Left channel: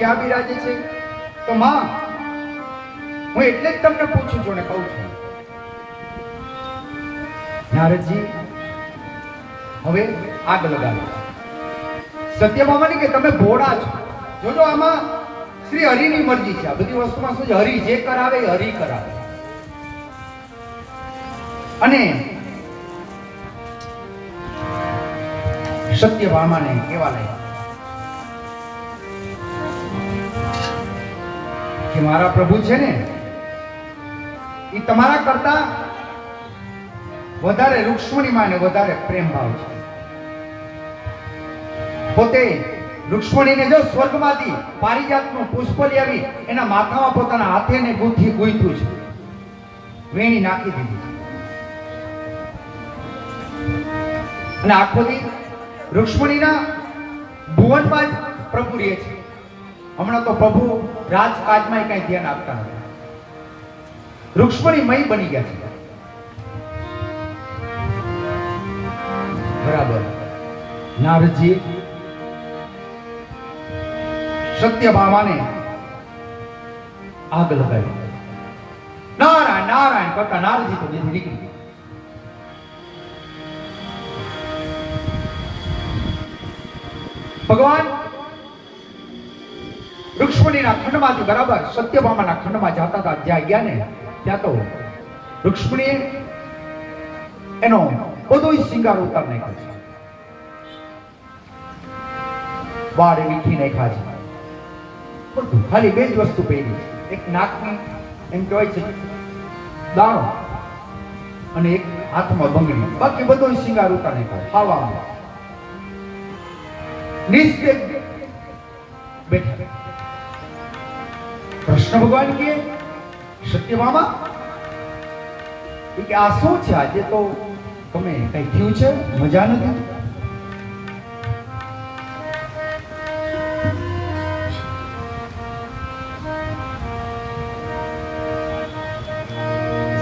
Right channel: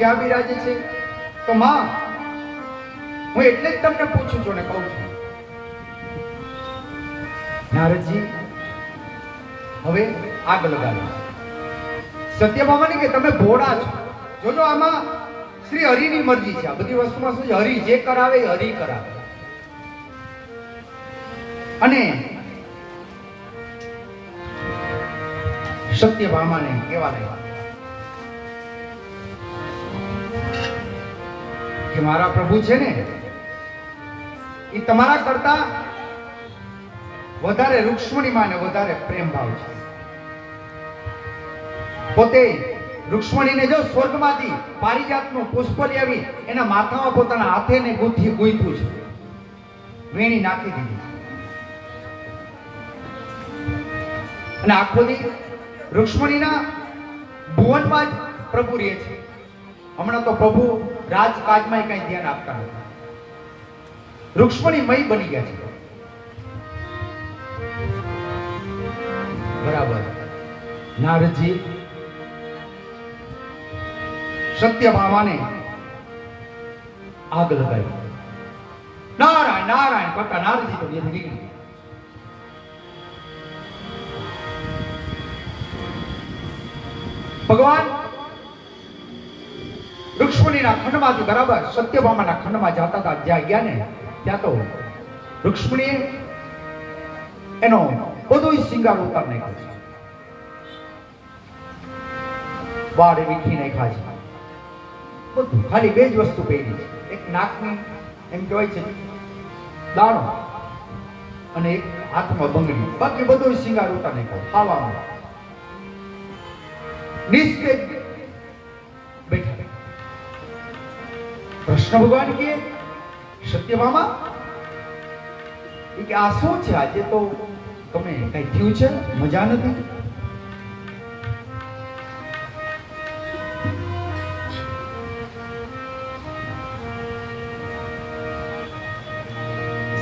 ક્યાં બિરાજે છે? તો માં હું એટલે જ તમને પૂછું છું ને કહું છું, નારદજી હવે આગ લગાવો. સત્યભામાની કે તમે ભોળા છો. જોજો આમાં શ્રી હરિની મરજી છે. આ બધી વસ્તુમાં શું છે? હરિ જે કરાવે એ હરિ કરાવે. અને સત્યભામાને કેવા લાગ્યા કે મારા પ્રભુ છે ને એ તમારા કરતા વધારે રૂક્ષ્મણીમાં વધારે પ્રેમ ભાવ છે. પોતે રૂક્ષ્મણીને જો સ્વર્ગમાંથી પારિજાતનું પુષ્પ લઈ આવી એના માથામાં પોતાના હાથે ને ગુંથી ગૂંથ્યું છે, વેણી નાખી દીધી છે. અને આખો દી રૂક્ષ્મણીના ભુવનમાં જ પ્રભુ રહે છે. હમણાં તો પ્રભુ રાજકાજમાં કઈ ધ્યાન આપતા નથી. રૂક્ષ્મણીમય બની ગયા છે. બરાબર. નારદજી સત્યભામાને આગ લગાવી. નારાયણ નારાયણ કરતા નારદજી તો જેથી નીકળી. ભગવાન રૂક્ષ્મણીના ખંડમાંથી બરાબર સત્યભામાના ખંડમાં જતા હતા. જ્યાં ગયા ને ત્યાં તો રૂક્ષ્મણી એનો બધો શિંગાર ઉતાર નાખ્યો છે. વાળ વીખી નાખ્યા છે. બધું ખાલી બે જ વસ્તુ પહેરી છે. એક નાકની એમ કહેવાય છે દાણો અને એક હાથમાં બંગડી. બાકી બધો શિંગાર ઉતાર નાખ્યો. ખાવામાં નિસ્તેજ બેઠા. કૃષ્ણ ભગવાન કે સત્યભામા કે આ શું છે? આજે તો તમે કઈ થયું છે? મજા નથી?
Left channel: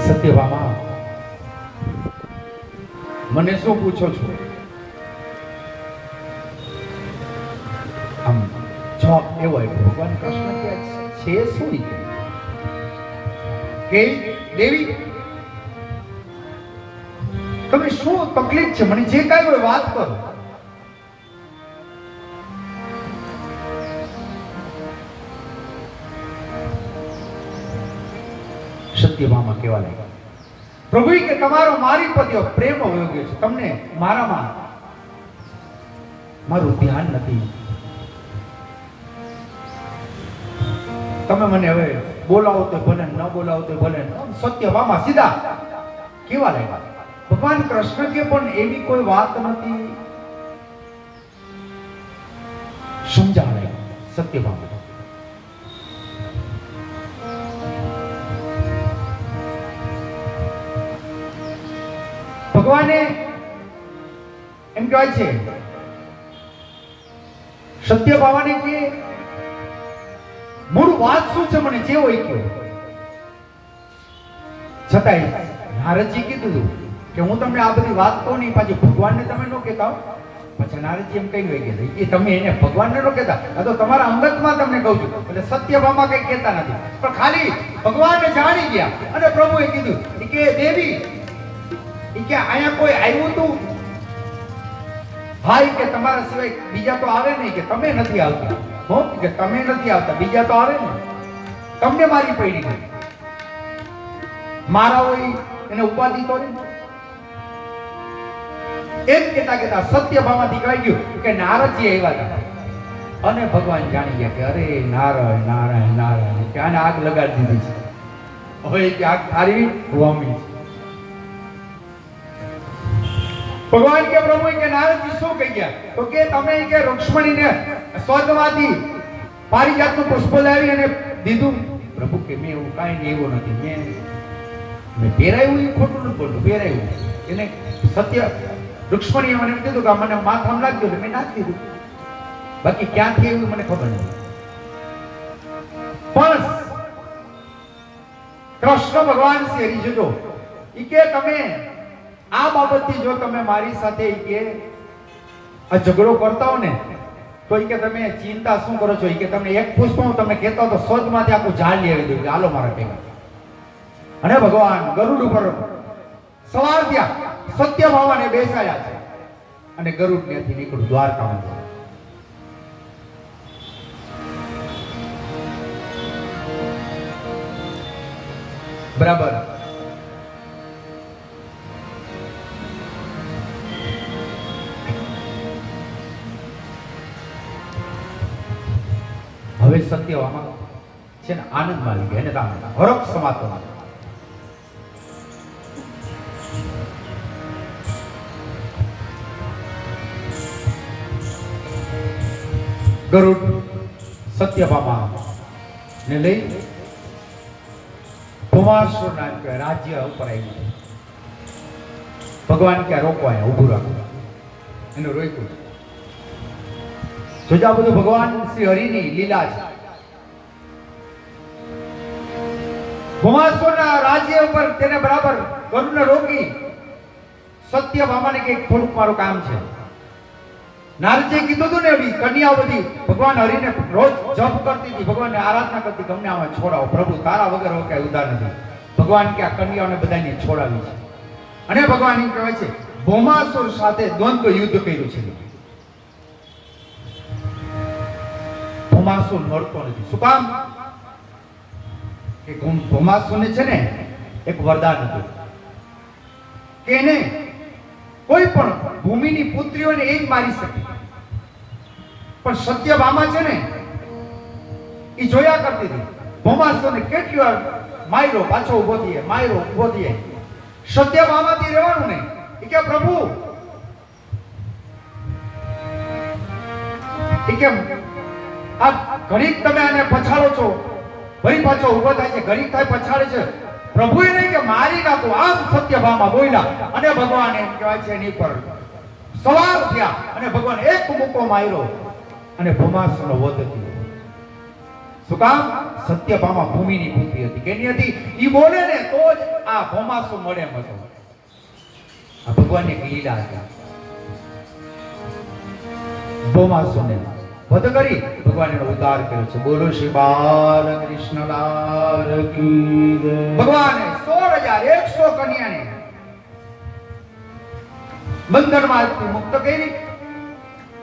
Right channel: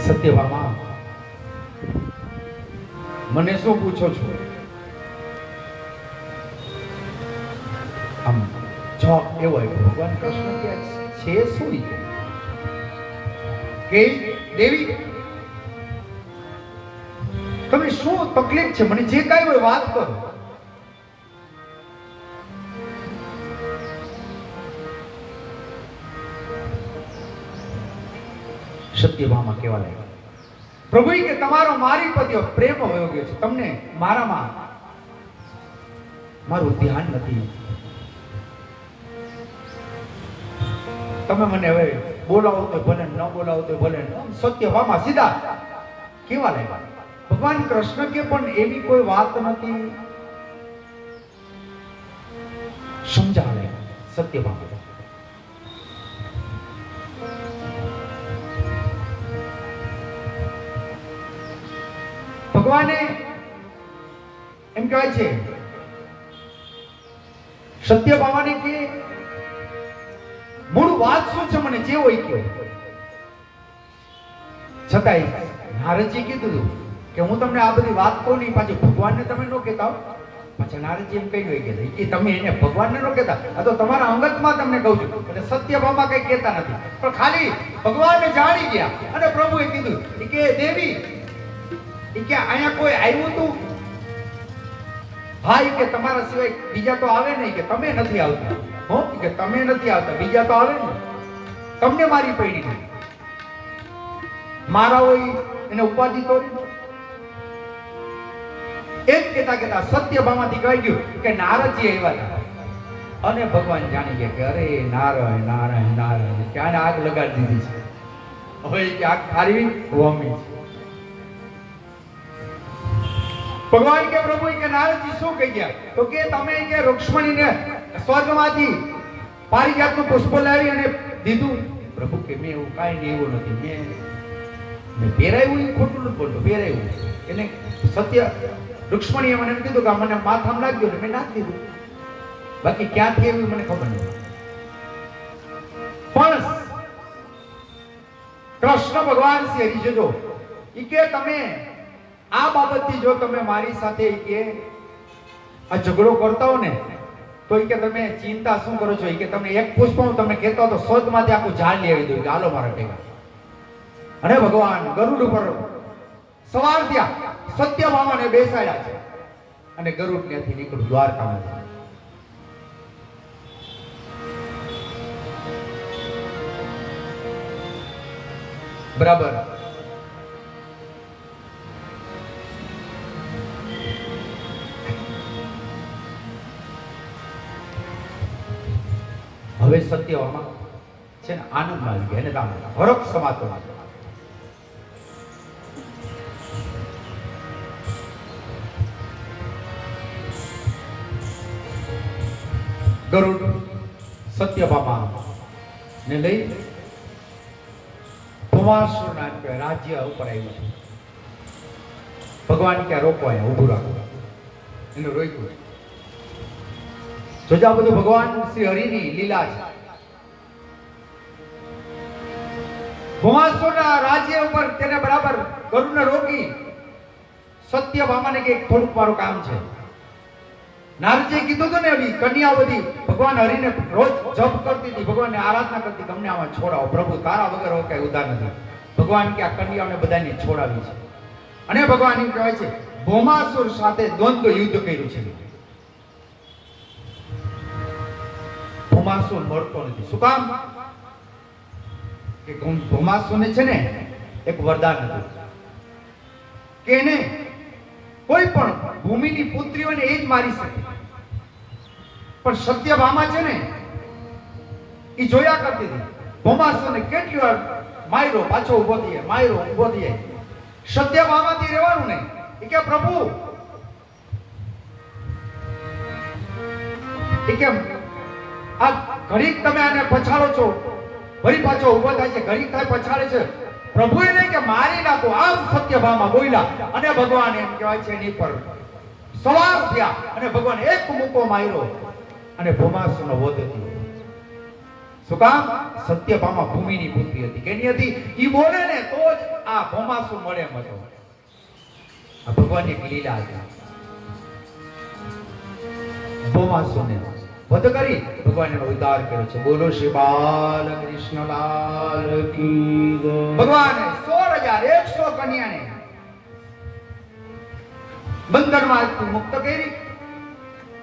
સત્યભામા મને શું પૂછો છો? જવાબ એવો આવ્યો. ભગવાન કૃષ્ણ કે છે શું કે દેવી તમને શું તકલીફ છે? મને જે કાંઈ હોય વાત કરો. સત્યભામા કેવા લાગ્યા? પ્રભુ કે તમારો મારી પ્રત્યે પ્રેમ વયો ગયો છે. તમને મારામાં મારું ધ્યાન નથી. તમે મને હવે બોલાવો તો ભલે, ન બોલાવો તો ભલે. સત્યભામા સીધા કેવા લાગ્યા? ભગવાન કૃષ્ણ કે પણ એવી કોઈ વાત નથી. સમજાવે સત્યભામા. ભગવાને એમ કહેવાય છે સત્યભામાને કે મૂળ વાત શું છે મને જે હોય કે. છતાંય નારદજી કીધું કે હું તમને આ બધી વાત કહું નહીં, પાછી ભગવાનને તમે ન કહેતા. પછી નારદજી એમ કહી ગયા કે તમે એને ભગવાનને ન કહેતા, આ તો તમારા અંગતમાં તમને કહું છું. એટલે સત્યભામા કઈ કહેતા નથી, પણ ખાલી ભગવાનને જાણી ગયા. અને પ્રભુએ કીધું કે દેવી કે અહીંયા કોઈ આવ્યું તું? ભાઈ કે તમારા સિવાય બીજા તો આવે નહીં. કે તમે નથી આવતા. હો કે તમે નથી આવતા, બીજા તો આવે ને. તમને મારી પડી નહીં. મારા હોય એને ઉપાધિ તો એમ કેતા સત્યભામાથી કહેવાય ગયું કે નારદજી આવ્યા હતા. અને ભગવાન જાણી ગયા કે અરે નારાયણ નારાયણ નારાયણ, કે આને આગ લગાડી દીધી છે. હવે કે આગ ખારી વોમી છે. ભગવાન કે પ્રભુ કે નારદજી શું કહી ગયા? તો કે તમે કે રૂક્ષ્મણીને સ્વર્ગમાંથી પારિજાતનું પુષ્પ લાવી અને દીધું. પ્રભુ કે મેં એવું કાંઈ નહીં, એવું નથી. મેં પહેરાયું, એ ખોટું નથી બોલતો, પહેરાયું. એને સત્ય રૂક્ષ્મણીએ મને એમ કીધું કે મને માથામાં નાખી દો, મેં નાખી દીધું. બાકી ક્યાંથી એવું મને ખબર નથી. પણ કૃષ્ણ ભગવાન શ્રી હરિ જો કે તમે આ બાબતથી જો તમે મારી સાથે કે આ ઝઘડો કરતા હો ને તો એ કે તમે ચિંતા શું કરો છો? એ કે તમને એક પુષ્પ હું તમને કહેતો તો સ્વર્ગમાંથી આખું ઝાડ લઈ આવી દઉં, હાલો મારા કહેવા. અને ભગવાન ગરુડ ઉપર સવાર થયા, સત્યભામાને બેસાડ્યા છે અને ગરુડ ત્યાંથી નીકળ્યું દ્વારકામાં. બરાબર. હવે સત્યભામા છે ને આનંદમાં આવી ગયા, એને રામ હરખ સમાતો. ગરુડ સત્યભામા ને લઈ ભૌમાસુર નામ કે રાજ્ય ઉપર આવ્યું છે. ભગવાન ક્યાં રોકવાયા, ઊભું રાખો, એનું રોક્યું. જોજા બધું ભગવાન શ્રી હરિની લીલા છે. ભૌમાસુરના રાજ્ય ઉપર તેને બરાબર ગરુડને રોકી સત્યભામાને કે થોડુંક મારું કામ છે. નારદજીએ કીધું હતું ને, એવી કન્યાઓ બધી ભગવાન હરિને રોજ જપ કરતી હતી, ભગવાનને આરાધના કરતી, તમને આમાં છોડાવો પ્રભુ, તારા વગર હવે કઈ ઉદાર નથી. ભગવાન કે આ કન્યાઓને બધાને છોડાવી છે. અને ભગવાન એમ કહેવાય છે ભૌમાસુર સાથે દ્વંદ્વ યુદ્ધ કર્યું છે. ભૌમાસુર મળતો નથી. શું કામ? કે ભૌમાસુરને છે ને એક વરદાન હતું કે એને કોઈ પણ ભૂમિની પુત્રીઓને એ જ મારી શકે. પણ સત્યભામા છે ને એ જોયા કરતી હતી. ભૌમાસુરને કેટલી વાર માર્યો, પાછો ઉભો થઈએ, માર્યો, ઉભો થઈએ. સત્યભામાથી રહેવાનું નહીં. એ કે પ્રભુ, એ કે આ ઘડીક તમે આને પછાડો છો, ફરી પાછો ઉભો થાય છે, ઘડીક થાય પછાડે છે. પ્રભુએ નહીં કે મારી નાખો, આમ સત્યભામા બોલ્યા. અને ભગવાન એમ કહેવાય છે એની પર સવાર થયા અને ભગવાન એક મુક્કો માર્યો અને ભૌમાસુરનો વધ થયો. શું કામ? સત્યભામા ભૂમિની પુત્રી હતી. કેની હતી? ઈ બોલે ને તો જ આ ભૌમાસુર મળે એમ હતો. આ ભગવાનની એક લીલા હતી. ભૌમાસુરને વધ કરી ભગવાન એનો ઉદ્ધાર કર્યો છે. બોલો શ્રી બાલકૃષ્ણલાલ કી જય. ભગવાને 16,100 કન્યાને બંધનમાંથી મુક્ત કરી.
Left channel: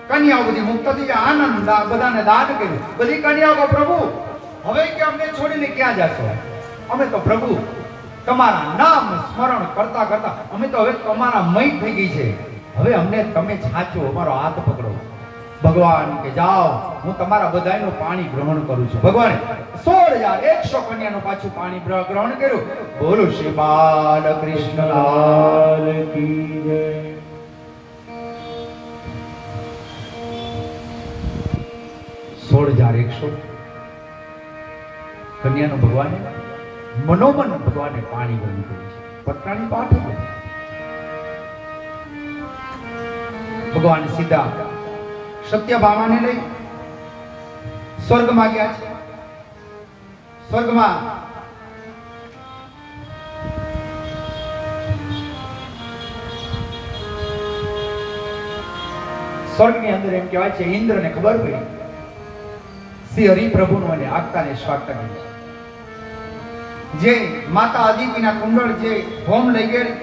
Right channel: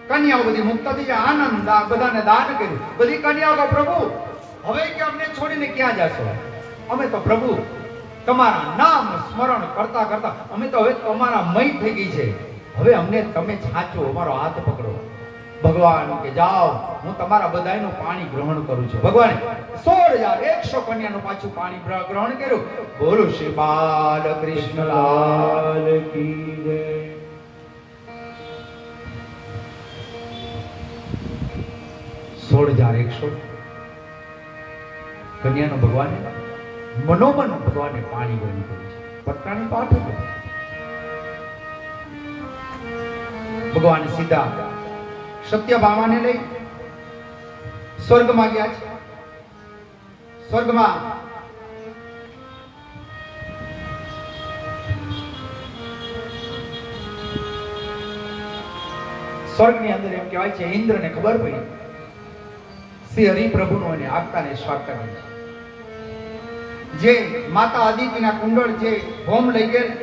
કન્યાઓ બધી મુક્ત થઈ જાય, આનંદ બધાને દાન કર્યું. બધી કન્યાઓ કહે પ્રભુ હવે કે અમને છોડીને ક્યાં જશો? અમે તો પ્રભુ તમારા નામ સ્મરણ કરતા કરતા અમે તો હવે તમારા મય થઈ ગઈ છે. હવે અમને તમે છાચો, અમારો હાથ પકડો. ભગવાન કે જાઓ, હું તમારા બધાનું પાણી ગ્રહણ કરું છું. ભગવાન 16,100 કન્યાનું પાછું પાણી ગ્રહણ કર્યું. બોલો શ્રી બાલકૃષ્ણલાલ કી જય. 16,100 કન્યાનું ભગવાને મનોમન ભગવાને પાણી ગ્રહણ કર્યું છે. પત્રાની પાઠ ભગવાન સીધા સત્યભામાને લઈ સ્વર્ગમાં ગયા છે. સ્વર્ગમાં સ્વર્ગની અંદર એમ કહેવાય છે ઇન્દ્રને ખબર પડી શ્રી હરિપ્રભુનું અને આગતાને સ્વાગત કર્યું છે. જે માતા આદિત્યના કુંડળ જે હોમ લઈ ગયા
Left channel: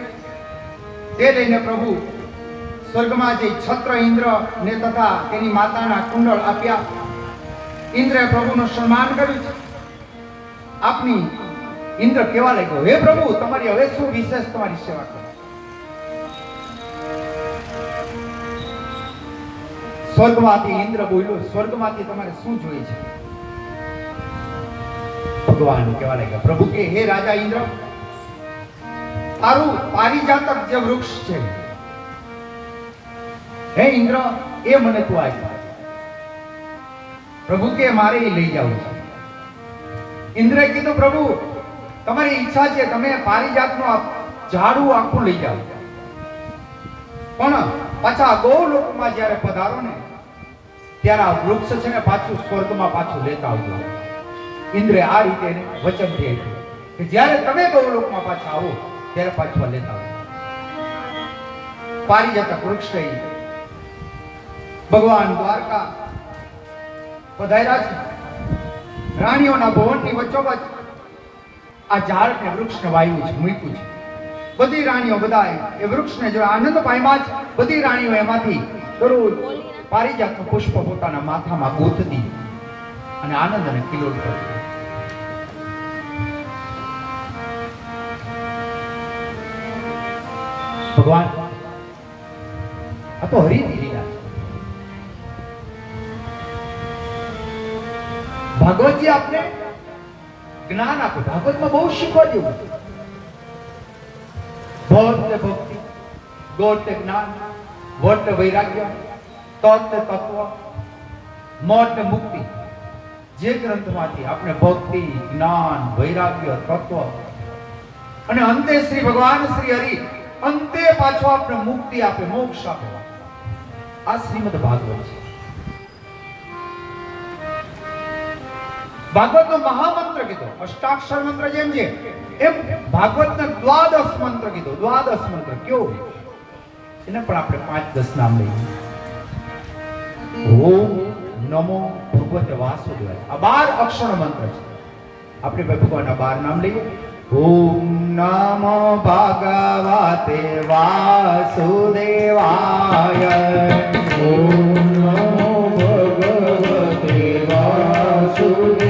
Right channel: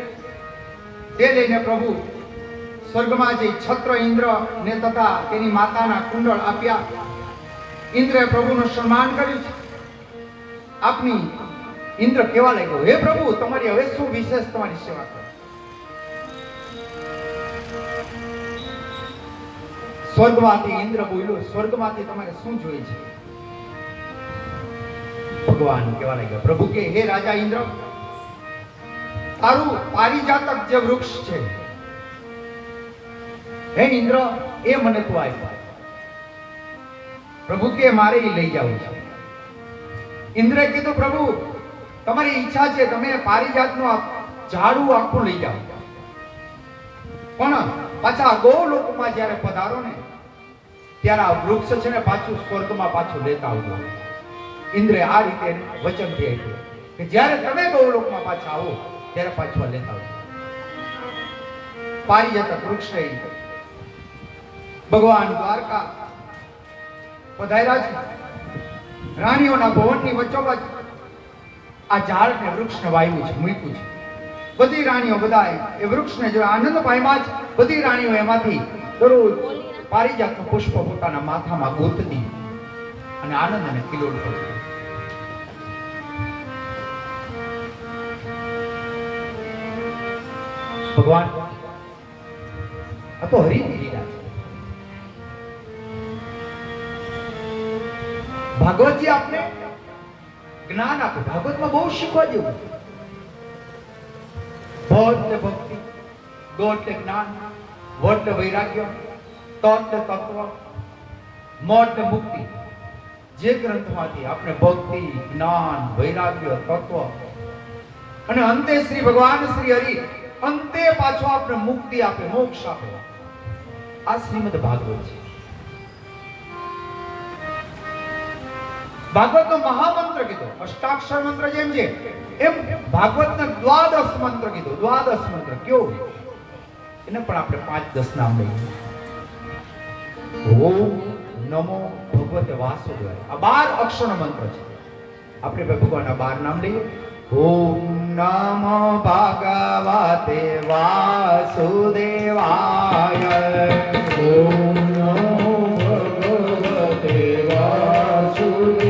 તે લઈને પ્રભુ સ્વર્ગમાં જે છત્ર ઇન્દ્ર ને તથા તેની માતાના કુંડળ આપ્યા. ઇન્દ્રએ પ્રભુનું સન્માન કર્યું છે. આપની ઇન્દ્ર કેવા લાગ્યો? હે પ્રભુ, તમારી હવે શું વિશેષ તમારી સેવા કરો? સ્વર્ગમાંથી ઇન્દ્ર બોલ્યો, સ્વર્ગમાંથી તમારે શું જોઈએ છે? ભગવાન કેવા લાગ્યા? પ્રભુ કે હે રાજા ઇન્દ્ર, તારું પારિજાતક જે વૃક્ષ છે હે ઇન્દ્ર, એ મને તું આપ્યો. પ્રભુ કે મારે એ લઈ જવું છે. ઇન્દ્રએ કીધું પ્રભુ તમારી ઈચ્છા છે, તમે પારિજાતનું ઝાડું આખું લઈ જાઓ, પણ પાછા ગોલોકમાં જ્યારે પધારો ને ત્યારે આ વૃક્ષ છે ને પાછું સ્વર્ગમાં પાછું લેતા આવજો. ઇન્દ્રે આ રીતે એને વચનથી આપ્યું કે જ્યારે તમે ગોલોકમાં પાછા આવો ત્યારે પાછું લેતા આવજો. પારિજાતક વૃક્ષ ભગવાન દ્વારકા પધાર્યા છે. રાણીઓના ભવનની વચ્ચોવચ્ચ આ ઝાડ ને વૃક્ષને વાવ્યું છે, મૂક્યું છે. બધી રાણીઓ બધા એ વૃક્ષને જો આનંદ પામ્યા જ. બધી રાણીઓ એમાંથી દરરોજ પારિજાતનું પુષ્પ પોતાના માથામાં ગોતતી અને આનંદને કિલોલ કરતી. ભગવાન આ તો હરિની લીલા છે. ભાગવતજી આપને જ્ઞાન આપે. ભાગવતમાં બહુ શીખવા જેવું છે. ભ એટલે ભક્તિ, ગ એટલે જ્ઞાન, વ એટલે વૈરાગ્ય, ત એટલે તત્વ, મ એટલે મુક્તિ. જે ગ્રંથમાંથી આપણે ભક્તિ, જ્ઞાન, વૈરાગ્ય, તત્વ અને અંતે શ્રી ભગવાન શ્રી હરિ અંતે પાછો આપણે મુક્તિ આપે, મોક્ષ આપે, આ શ્રીમદ ભાગવત છે. ભાગવતનો મહામંત્ર કીધો, અષ્ટાક્ષર મંત્ર જેમ છે એમ ભાગવતનો દ્વાદશ મંત્ર કીધો. દ્વાદશ મંત્ર કયો? એને પણ આપણે 5-10 નામ લઈએ. ઓમ નમો ભગવતે વાસુદેવાય. આ 12 અક્ષરનો મંત્ર છે. આપણે ભગવાનના 12 નામ લઈએ. ઓમ નમો ભગવતે વાસુદેવાય. ઓમ નમો ભગવતે વાસુદેવાય.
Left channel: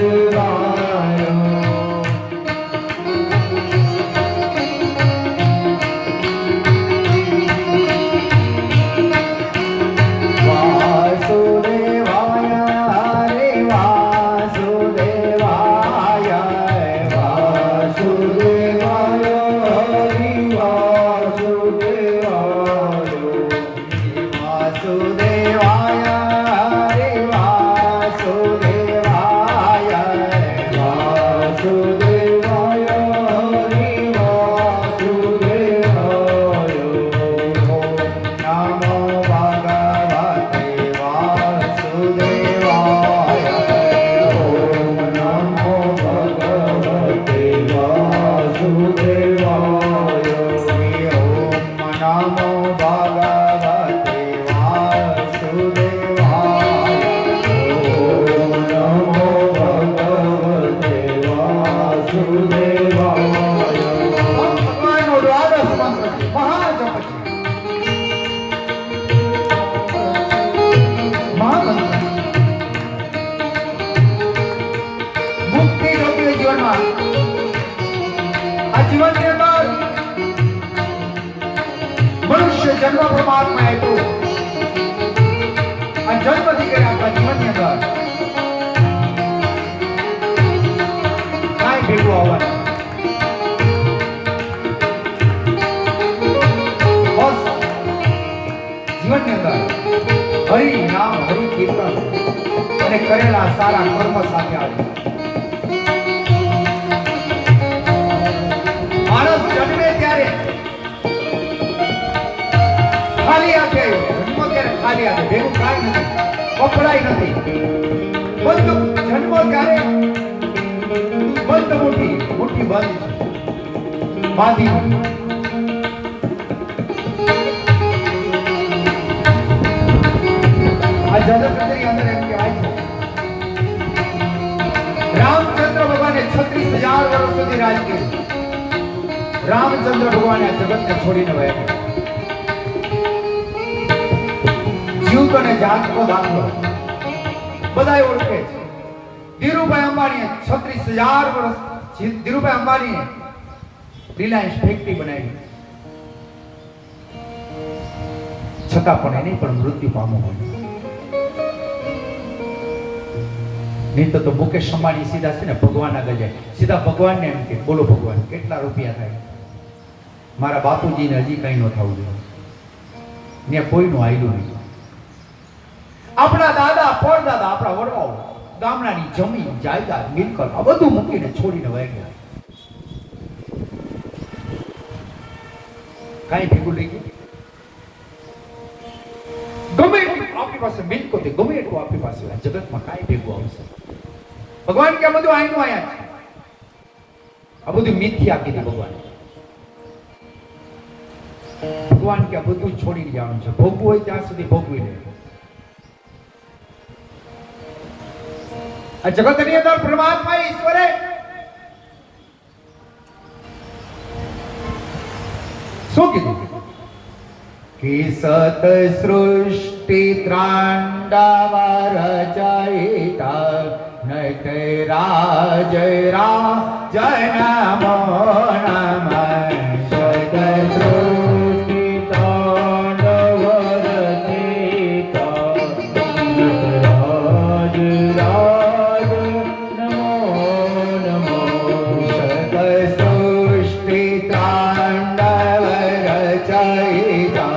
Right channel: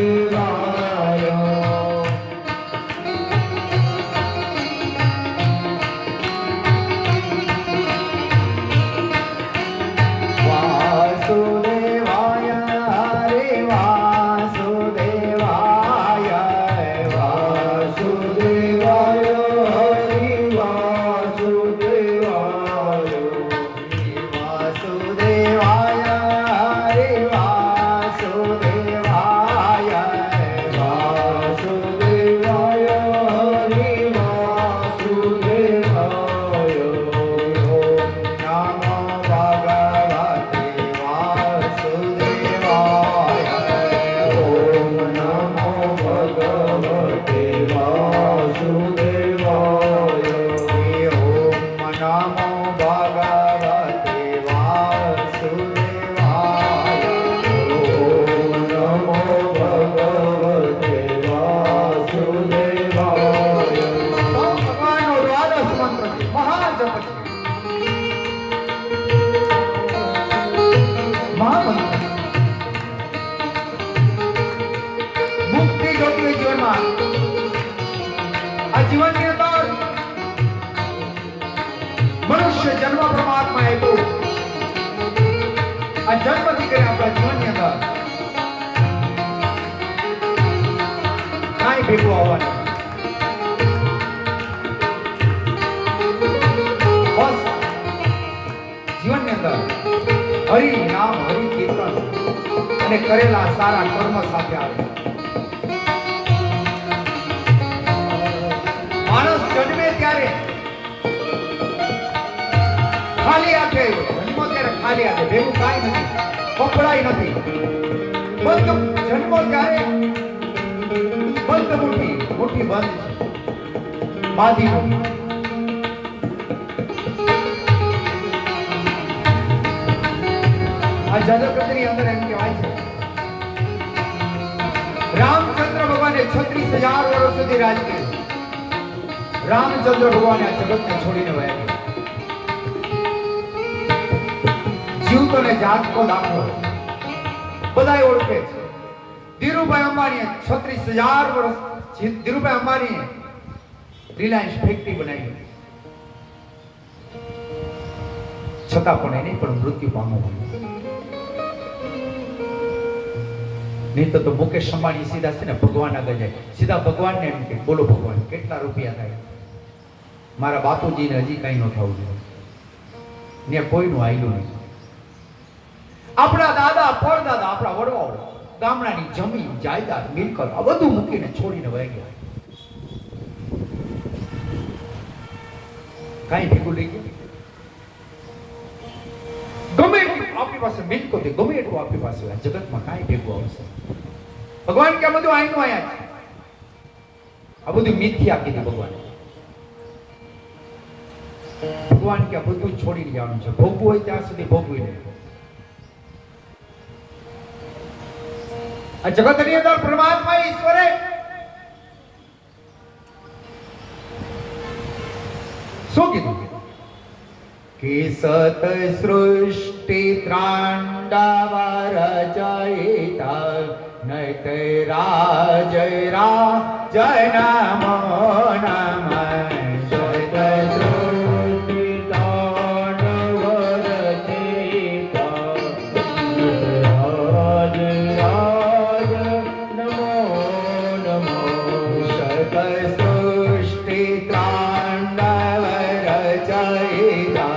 કરેલા સારા કર્મ સાથે આવે. માણસ જન્મે ત્યારે ખાલી હાથે આવ્યો, જન્મો ત્યારે ખાલી હાથે, ભેગું કાંઈ નથી, કપડાય નથી. જન્મો ત્યારે બંધ મુઠ્ઠી બંધ છે, બાંધી મુઠ્ઠી. આ જગતની અંદર એમ કહેવાય છે રામચંદ્ર ભગવાને 36,000 વર્ષ સુધી રાજ કર્યું. રામચંદ્ર ભગવાને આ જગતને છોડીને વયા ગયા. જીવતો ને જાગતો દાખલો બધાય ઓળખે છે. ધીરુભાઈ અંબાણીએ 36,000 વર્ષ ધીરુભાઈ અંબાણીએ રિલાયન્સ ફેક્ટરી બનાવી, છતાં પણ એને પણ મૃત્યુ પામવું પડ્યું. નહીં તો મુકેશ અંબાણી સીધા છે ને ભગવાન આગળ જાય, સીધા ભગવાનને એમ કે બોલો ભગવાન કેટલા રૂપિયા થાય, મારા બાપુજીને હજી કઈ ન થવું જોઈએ, ને કોઈનું આયલું નહીં. આપણા દાદા પરદાદા આપણા વડવાઓ ગામડાની જમીન જાયદાદ મિલકત આ બધું મૂકીને છોડીને વહી ગયા. કઈ ભેગું લઈ ગયું? ગમે એટલું આપણી પાસે મિલકત હોય, ગમે એટલું આપણી પાસે હોય, જગતમાં કાંઈ ભેગું આવશે? ભગવાન કે આ બધું આયનું આયા છે, આ બધું મિથ્યા કીધું ભગવાન. ભગવાન કે આ બધું છોડી જવાનું છે, ભોગવું હોય ત્યાં સુધી ભોગવી લે. આ જગતની અંદર પરમાત્મા ઈશ્વરે શું કીધું કે સત સૃષ્ટિ ત્રાંડવ રચયિતા નત રાજ નમો નમઃ સત સૃષ્ટિ ત્રાંડવ રચયિતા રાજ નમો નમઃ સત સૃષ્ટિ ત્રાંડવ રચયિતા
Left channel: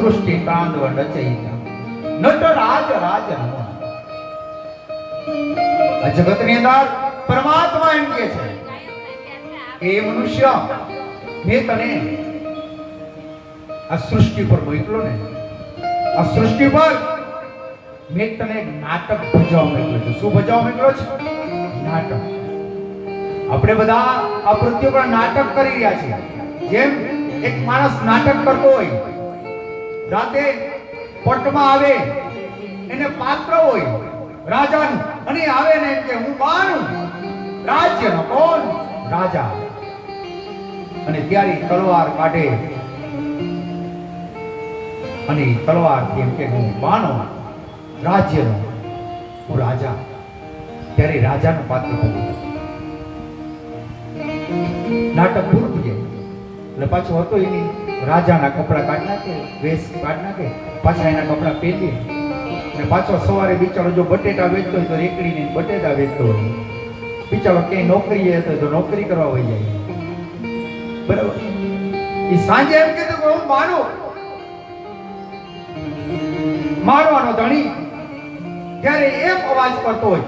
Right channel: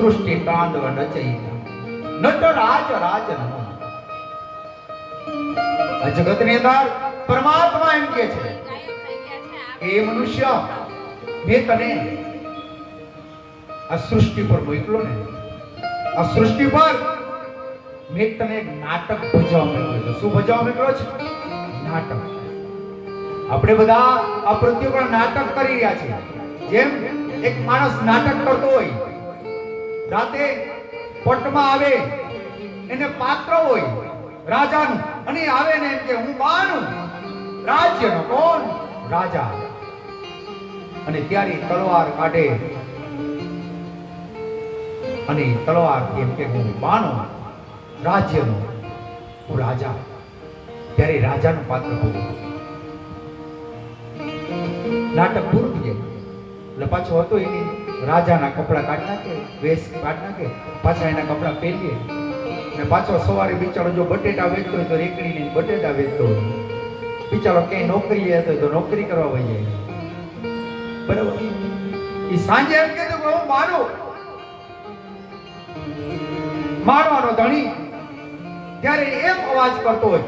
સૃષ્ટિ તાંડવ રચયિતા નટરાજ રાજ નમઃ. આ જગતની અંદર પરમાત્મા એમ કહે છે એ મનુષ્ય મેં તને આ સૃષ્ટિ પર મોકલ્યો ને, આ સૃષ્ટિ પર મેં તને એક નાટક ભજવા મોકલ્યો છે. શું ભજવા મોકલ્યો છે? નાટક. આપણે બધા આ પૃથ્વી પર નાટક કરી રહ્યા છીએ. જેમ એક માણસ નાટક કરતો હોય, રાતે પટમાં આવે, એને પાત્ર હોય રાજાનું, અને આવે ને કે હું બાનું રાજ્યનો કોણ રાજા, અને ત્યારે તલવાર કાઢે અને તલવાર એમ કે હું બાનો રાજ્યનો હું રાજા, ત્યારે રાજાનું પાત્ર બને. નાટક પૂરું થઈ જાય એટલે પાછો હતો એની રાજાના કપડા કાઢ નાખે, વેશ કાઢ નાખે, પાછા એના કપડા પહેરીએ અને પાછો સવારે બિચારો જો બટેટા વેચતો હોય તો રેકડીને બટેટા વેચતો હોય, બિચારો કઈ નોકરીએ હતો તો નોકરી કરવા વહી જાય. બરાબર. એ સાંજે એમ કહેતો કે હું મારવાનો ધણી, ત્યારે એક અવાજ કરતો હોય,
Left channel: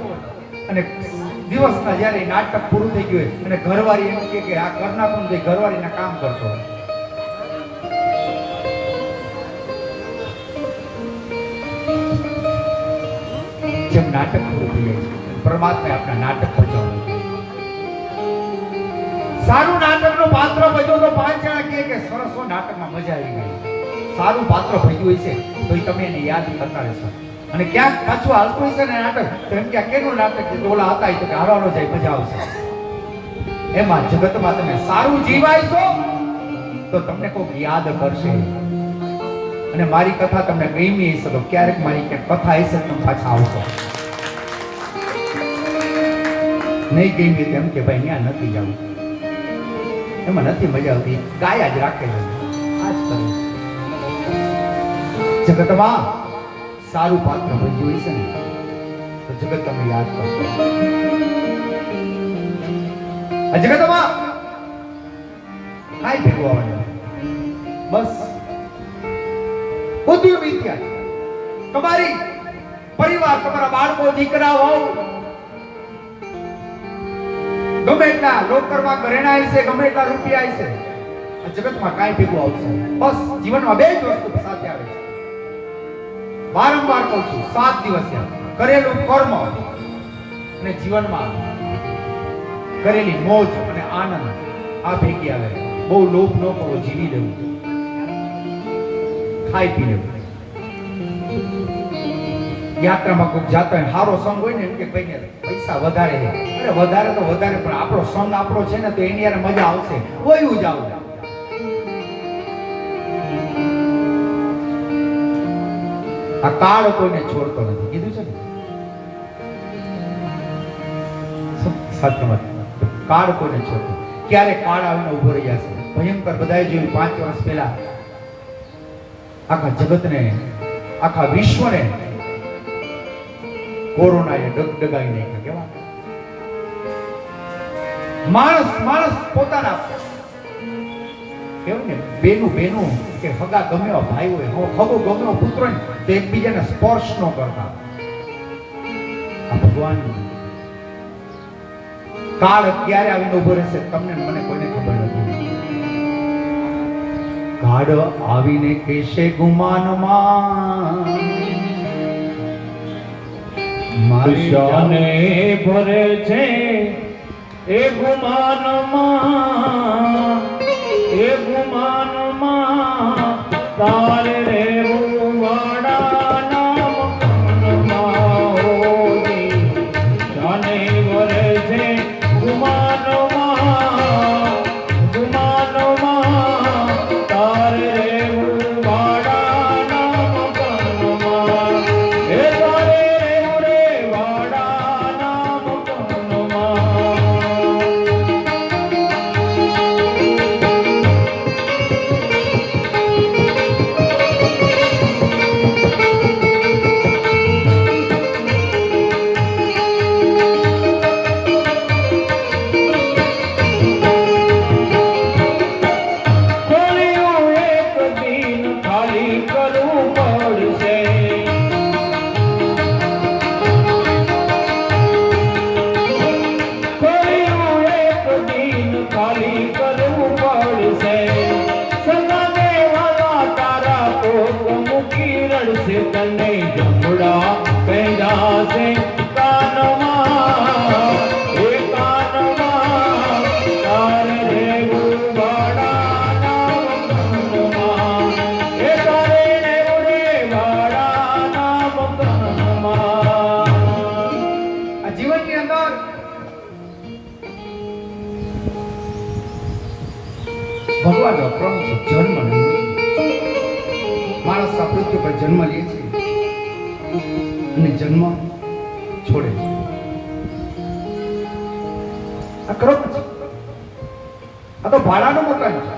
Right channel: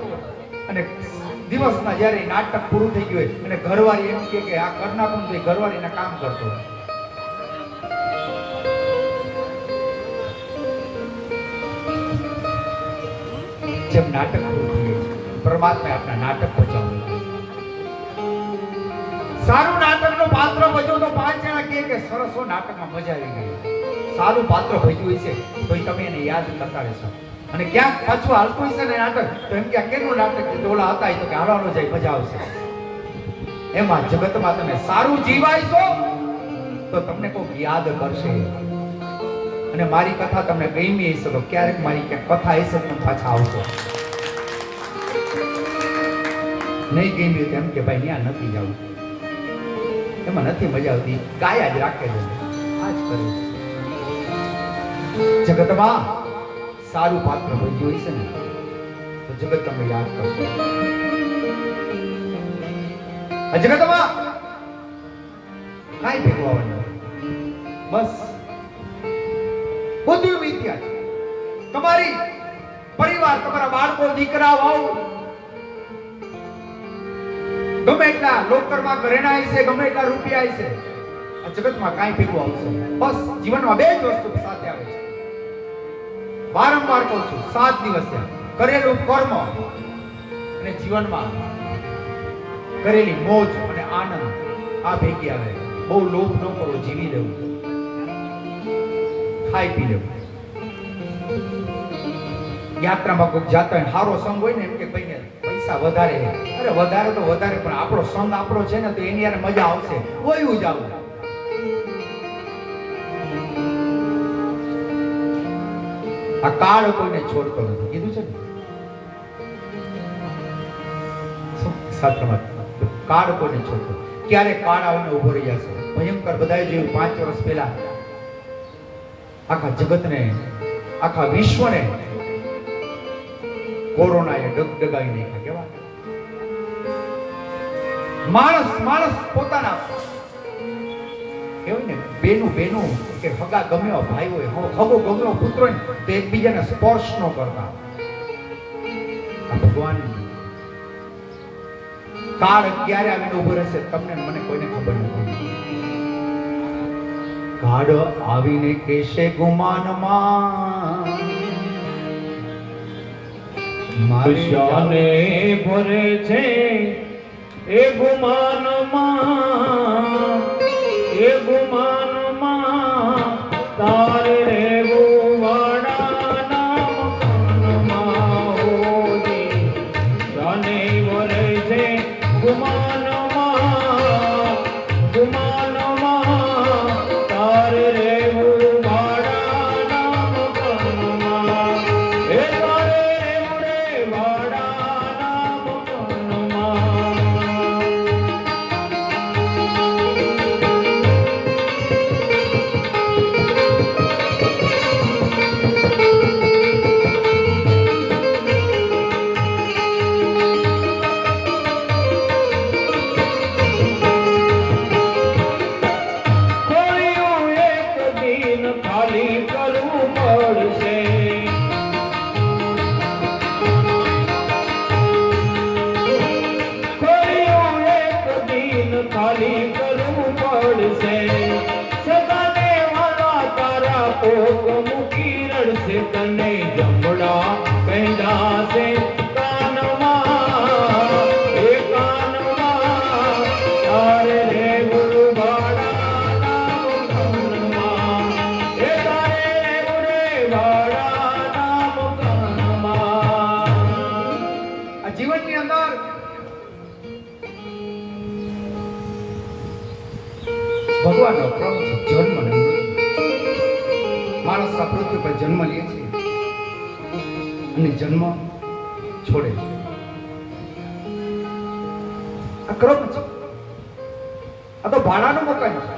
અને દિવસના જ્યારે નાટક પૂરું થઈ ગયું હોય અને ઘરવાળી એમ કે આ કરનાખું તો ઘરવાળીના કામ કરતો હોય. જેમ નાટક પૂરું થઈ જાય છે, પરમાત્મા આપણા નાટક પહોંચાડવું. સારું નાટકનું પાત્ર ભજવો તો 5 જણા કે સરસ નાટકમાં મજા આવી ગઈ. સારું પાત્ર ભજ્યું છે તો તમે એને યાદ કરતા રહેશો, અને ક્યાંક પાછું હાલતું હશે ને નાટક તો એમ કે કેનું નાટક ટોલા હતા તો કે હારવાનો જાય મજા આવશે. એમાં જગતમાં તમે સારું જીવાયશો તો તમને કોઈ યાદ કરશે. અને મારી કથા તમને ગમી હશે તો ક્યારેક મારી ક્યાંક કથા હશે તમે પાછા આવશો. નહીં ગમી એમ કે ભાઈ અહીંયા નથી જવું, એમાં નથી મજા આવતી, ગાયા જ રાખે છે. આ જ કરે જગતમાં સારું પાત્ર ભજ્યું હશે ને તો જગત તમે યાદ કરશો. જગતમાં કાંઈ ભેગું આવવાનું બસ બધું મિથ્યા છે. તમારી પરિવાર, તમારા બાળકો, દીકરાઓ ગમે એટલા લોકરમાં ઘરેણા હશે, ગમે એટલા રૂપિયા હશે, જગતમાં કાંઈ ભેગું આવશે. બસ જીવનમાં બે જ વસ્તુ સાથે આવે છે. વારંવાર કહું છું, 7 દિવસ કરેલું કર્મ અને જીવનમાં કરેલી મોજ અને આનંદ આ ભેગી આવે. બહુ લોભ ન કરો, જીવી લેવું, ખાઈ પી લેવું. યાત્રામાં કોઈ જાતા હોય, સારો સંગ હોય ને એમ કે ભાઈ પૈસા વધારે છે, અરે વધારે તો વધારે, પણ આપણો સંગ આપણો છે ને તો એની યાર મજા આવશે, વયું જાવ. આ કાળ કોઈને છોડતો નથી, કીધું છે ને સાથે વાત. કાળ કોઈને છોડતો, ક્યારે કાળ આવીને ઉભો રહી જશે. ભયંકર બધાએ જોયું 5 વર્ષ પહેલા આખા જગતને, આખા વિશ્વને કોરોનાએ ડગડગાઈ નાખ્યા. કેવા માણસ પોતાના કેવું ને બેનું કે હગા ગમે એવા ભાઈ હોય, હગો ગમે એવા પુત્ર હોય તો એકબીજાને સ્પર્શ ન કરતા. આ ભગવાન કાળ ક્યારે આવીને ઉભો રહેશે તમને મને કોઈને ખબર નથી. કાળ આવીને કેશે ગુમાનમાં મારી ભરે છે એ ગુમાનમાં, એ ગુમાનમાં તારે રહેવું વાડા નામ હોરી. જાને ભરે છે ગુમાનમાં, ગુમાનમાં તારે રહેવું વાડા નામ કનમાં. એ અને જન્મ છોડે છે. આ ક્રમ છે. આ તો ભાડાનું મકાન છે.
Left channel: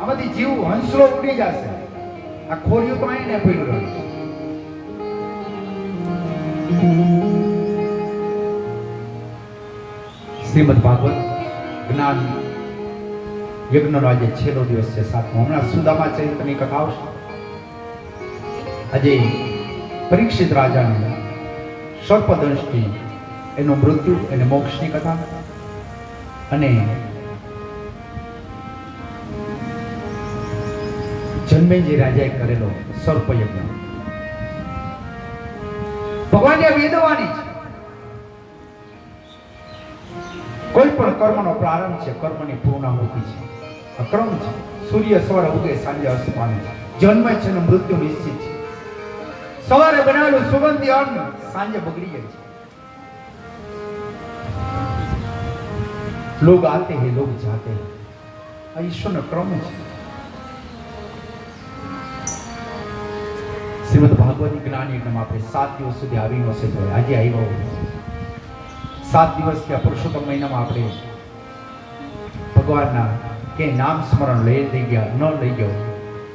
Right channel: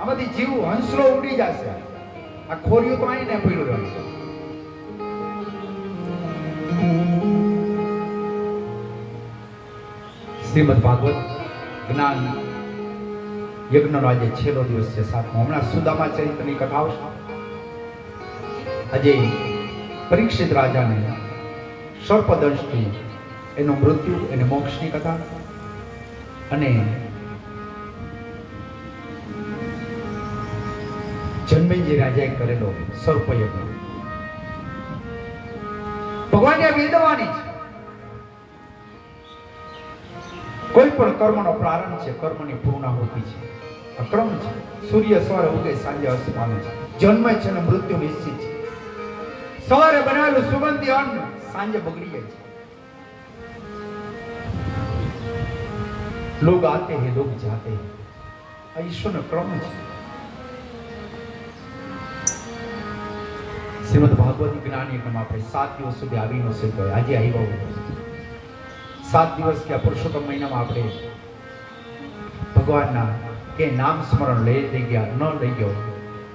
આમાંથી જીવ હંસલો ઉડી જશે. આ ખોરિયું તો અહીં ને પડ્યું રહે. શ્રીમદ ભાગવત જ્ઞાન યજ્ઞનો આજે છેલ્લો દિવસ છે, સાતમો. હમણાં સુદામા ચરિત્રની કથા આવશે. આજે પરીક્ષિત રાજાને સર્પદંશથી એનું મૃત્યુ, એને મોક્ષની કથા, અને જન્મેજી રાજાએ કરેલો સર્પયજ્ઞ. ભગવાનની આ વેદવાણી છે. કોઈ પણ કર્મનો પ્રારંભ છે, કર્મની પૂર્ણાહુતિ છે. આ ક્રમ છે. સૂર્ય સવારે ઉગે, સાંજે અસ્ત પામે છે. જન્મ છે અને મૃત્યુ નિશ્ચિત છે. સવારે બનાવેલું સુગંધી અન્ન સાંજે બગડી જાય છે. લોગ આતે હે, લોગ જાતે હે. આ ઈશ્વરનો ક્રમ છે. શ્રીમદ ભાગવત જ્ઞાન યજ્ઞમાં આપણે 7 દિવસ સુધી આવી ન શક્યો. આજે આવ્યો 7 દિવસ કે પુરુષોત્તમ મહિનામાં આપણે ભગવાનના કે નામ સ્મરણ લઈ ગયા ન લઈ ગયો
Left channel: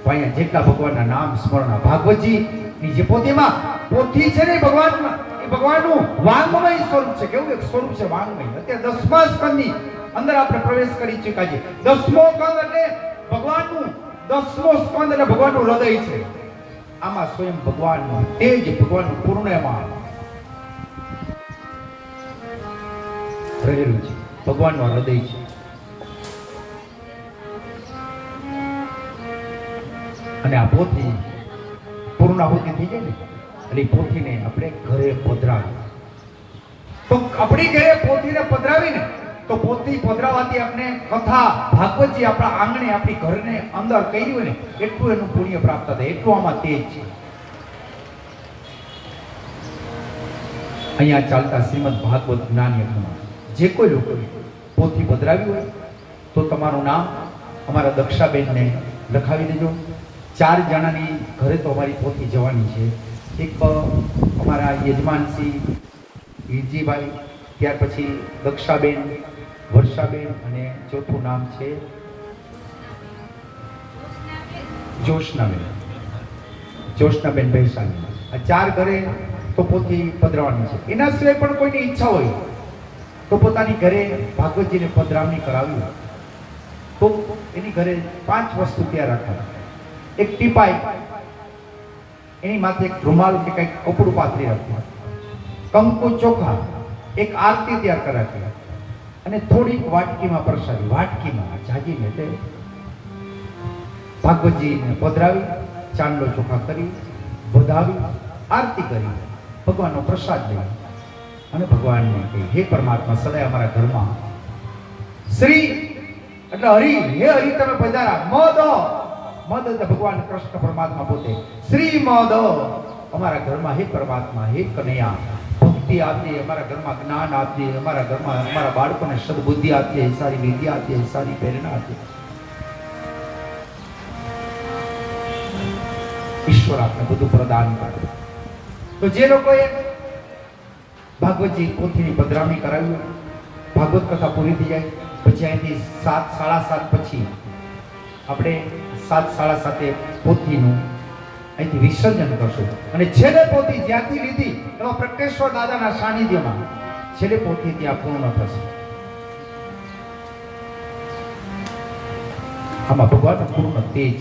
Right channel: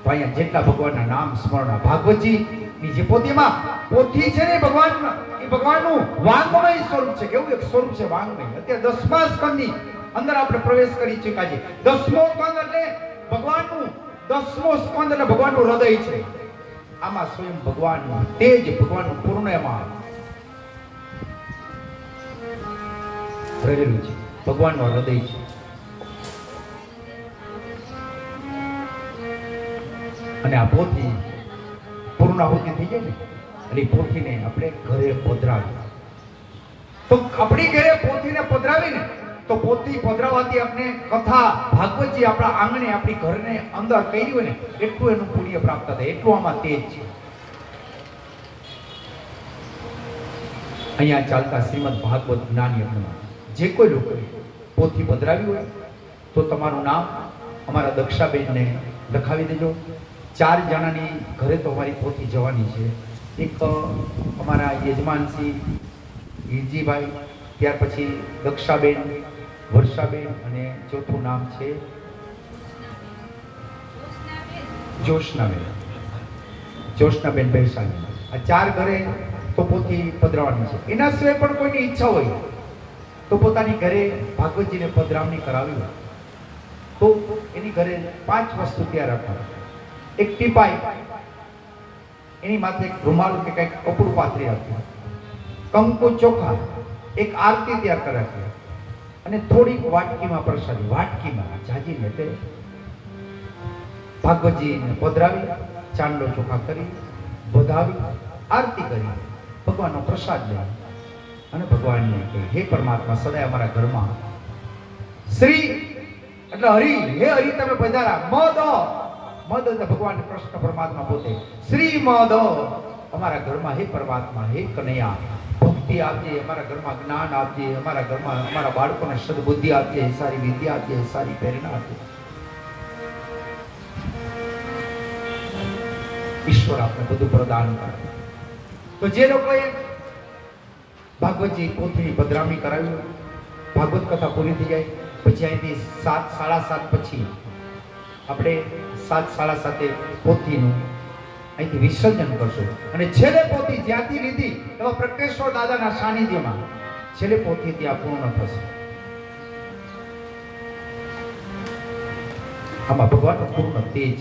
તો અહીંયા જેટલા ભગવાનના નામ સ્મરણ, ભાગવતજી ની જે પોથી છે ને ભગવાનમાં, એ ભગવાનનું વાંગમય સ્વરૂપ છે. કેવું એક સ્વરૂપ છે વાંગમય. અત્યારે 10મા સ્કંદની અંદર આપણે પ્રવેશ કરી ચૂક્યા છે. 10મો સ્કંદ એટલે ભગવાનનું, 10મો સ્કંદ એટલે ભગવાનનું હૃદય છે. આમાં સ્વયં ભગવાનનું તેજ, ભગવાનનું પૂર્ણમાં રહેલું છે. ભગવાનનું હૃદય છે. અને આ પોથી પૂર્ણાહુતિ થઈ જાય ને એટલે પોથીને આપણે ઘરે પધરાવી. તો આપણી ઘરે પોથીને પધરાવીને તો પોથી પધરાવાથી આપણે કથા ભાગવતજી આપણા આંગણે, આપણી ઘરને અંદર કરી હોય ને એટલું એનું પુણ્ય પ્રાપ્ત થાય. એટલું આમાં તેજ છે. અહીંયા ચાલતા શ્રીમદ ભાગવત જ્ઞાન યજ્ઞમાં જે કોઈ લોકો પોથી પધરાવી હોય તો તમારું નામ અમારા દક્ષાબેનને લખાવી દેજો. 4 જણાની ઘરે તો અમારી પોથી જવાની છે. એક અમારા યજમાનશ્રી હિરજીભાઈ, ત્યાર પછી દક્ષાબેન, વર્ષાબેન, અને ચોથું નામ છે જોશનાબેન ભૈસાણી. આ 4 ઘરે તો પોથી પધરાવાની છે. એના સિવાય પણ કોઈની ઈચ્છા હોય તો પોતાની ઘરે ભાગવતજીને પધરામણી કરાવી હોય તો એની ઘરે 5 વસ્તુ તૈયાર રાખવા. એક ટીપાઈ, એની માથે એક રૂમાલ કે કંઈક કપડું પાથરી રાખ્યું, કંકુ ચોખા, એક આરતી તૈયાર કરી રાખી, અને થોડીક વાટકીમાં પ્રસાદી, વાટકીમાં જાજીને એટલે ભાગવતજીને પધરાવી, ચાંદલો ચોખા કરી, વધાવી, આરતી કરી, ભગવાનનો પ્રસાદ લઈ અને ભગવાનને કહી, હે પરમાત્મા, સદાય અમારા ઘરમાં શ્રી એટલે હરિ, હે હરિ તમે પધારા. મદ એટલે ભગવાન કૃષ્ણ પરમાત્મા પોતે. શ્રી મદ અમારા ઘરમાં, હે પરમાત્મા, હે કનૈયા, ભક્તિ આપજે અમારા ઘરમાં, જ્ઞાન આપજે અમારા ઘરમાં, અમારા બાળકોને સદબુદ્ધિ આપજે, સારી વિદ્યા આપજે, સારી પ્રેરણા આપજે. ઈશ્વર આપને બધું પ્રદાન કરે. તો જે લોકોએ ભાગવતજી પોથીની પધરામણી કરાવી, ભાગવત કથા પૂરી થઈ જાય પછી અહીંથી 7, 7:30 પછી આપણે 7, 7:30 પોથીનું અહીંથી વિસર્જન કરશું. અને છેલ્લે પોથી જ્યાંથી લીધી એવા પ્રગટેશ્વર દાદાના સાનિધ્યમાં છેલ્લે પોથી ત્યાં પૂર્ણ થશે. આમાં ભગવાનનું પૂર્ણ તેજ,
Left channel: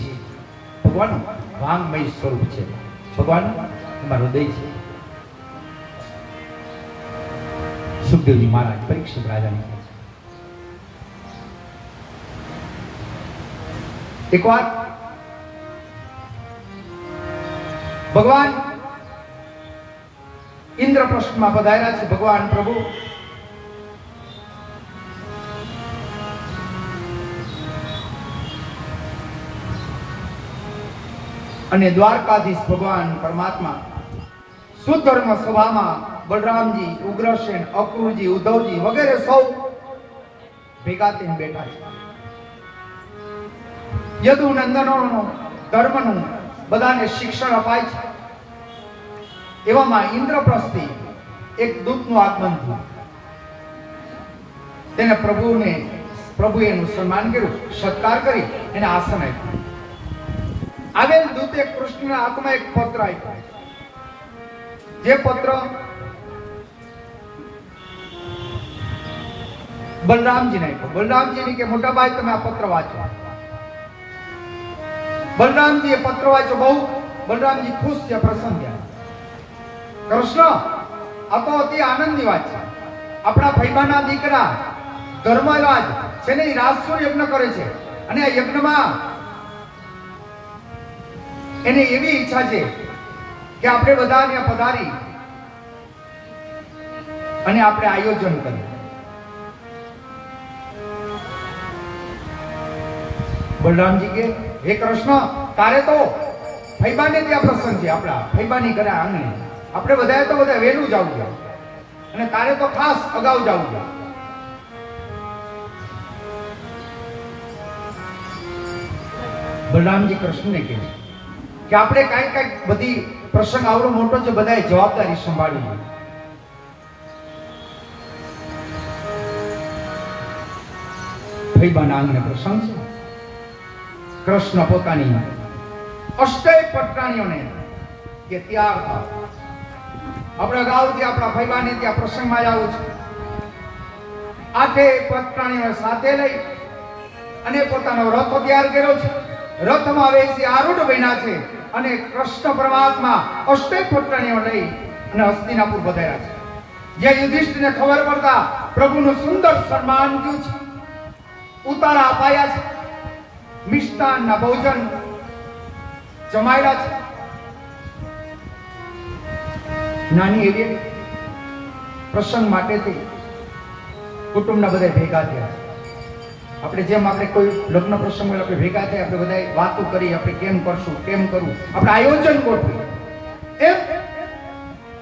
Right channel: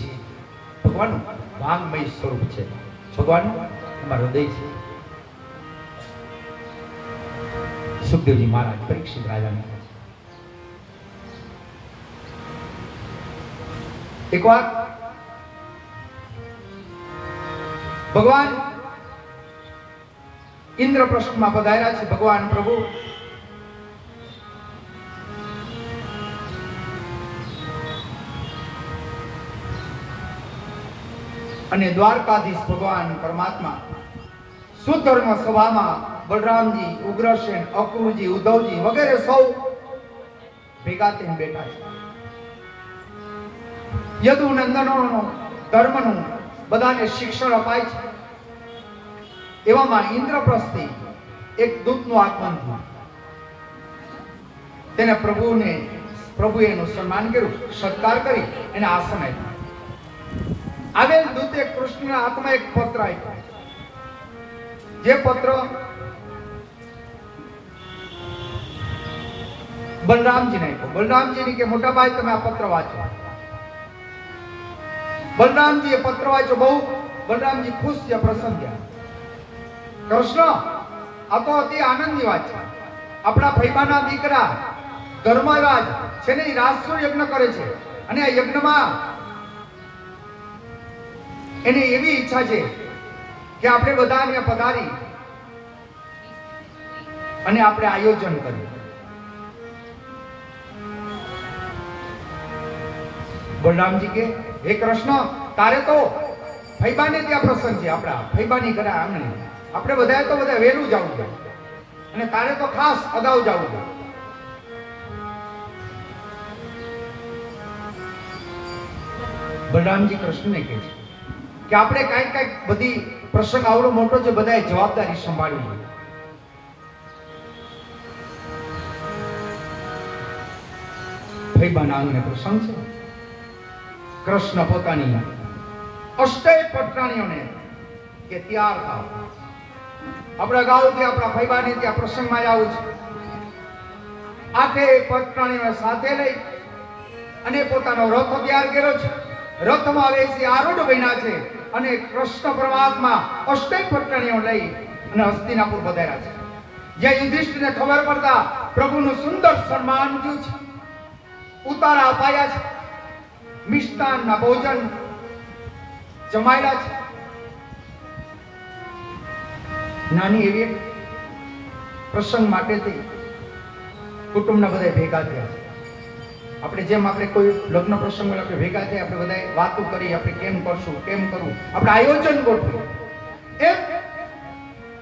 ભગવાનનું વાંગમય સ્વરૂપ છે. ભગવાન અમારું હૃદય છે. સુખદેવજી મહારાજ પરીક્ષિત રાજાને એક વાર ભગવાન ઇન્દ્રપ્રસ્થમાં પધાર્યા છે. ભગવાન પ્રભુ અને દ્વારકાધીશ ભગવાન પરમાત્મા સુધર્મ સભામાં બલરામજી, ઉગ્રસેન, અક્રૂરજી, ઉદ્ધવજી વગેરે સૌ ભેગા થઈને બેઠા છે. યદુ નંદનોનો ધર્મનું બધાને શિક્ષણ અપાય છે. એવામાં ઇન્દ્રપ્રસ્થથી એક દૂતનું આગમન થયું. તેને પ્રભુએ એનું સન્માન કર્યું, સત્કાર કરી એને આસન આપ્યું. આવેલ દૂતે કૃષ્ણના હાથમાં એક પત્ર આપ્યો. જે પત્ર બલરામજીને આપ્યો. બલરામજીને કે મોટા ભાઈ તમે આ પત્ર વાંચો. બલરામજી એ પત્ર વાંચ્યો. બહુ બલરામજી ખુશ થયા, પ્રસન્ન થયા. કૃષ્ણ, આ તો અતિ આનંદની વાત છે. આપણા ભૈમાના દીકરા ધર્મરાજ છે ને, રાસુ યજ્ઞ કરે છે અને આ યજ્ઞમાં એને એવી ઈચ્છા છે કે આપણે બધા ત્યાં પધારી અને આપણે આયોજન કરીએ. બલરામજી કે હે કૃષ્ણ, તારે તો ફૈબાને ત્યાં પ્રસંગ છે, આપણા ફૈબાની ઘરે આંગણે આપણે બધાએ તો બધા વહેલું જવું છે અને તારે તો ખાસ અગાઉ જવું છે. બલરામજી કૃષ્ણને કહે છે કે આપણે કઈક બધી પ્રસંગ આવડો મોટો છે, બધાએ જવાબદારી સંભાળવી. ફૈબાના આંગણે પ્રસંગ છે. કૃષ્ણ પોતાની અષ્ટેય પટરાણીઓને કે તૈયાર થાવ, આપણા ગામથી આપણા ફૈબાને ત્યાં પ્રસંગમાં આવું છે. આઠે પટરાણીઓને સાથે લઈ અને પોતાનો રથ તૈયાર કર્યો છે. રથમાં બેસી આરૂઢ બન્યા છે અને કૃષ્ણ પરમાત્મા અષ્ટેય પટરાણીઓ લઈ અને હસ્તિનાપુર પધાર્યા છે. જે યુધિષ્ઠિરને ખબર પડતા પ્રભુનું સુંદર સન્માન થયું છે, ઉતારા અપાયા છે, મિષ્ટાનના ભોજન જમાયેલા છે. નાની એવી પ્રસંગ માટેથી કુટુંબના બધા ભેગા થયા. આપણે જેમ આપણે કોઈ લગ્ન પ્રસંગ આપણે ભેગા થયા, આપણે બધા વાતો કરી, આપણે કેમ કરશું, કેમ કરવું, આપણે આયોજન ગોઠવીએ. એમ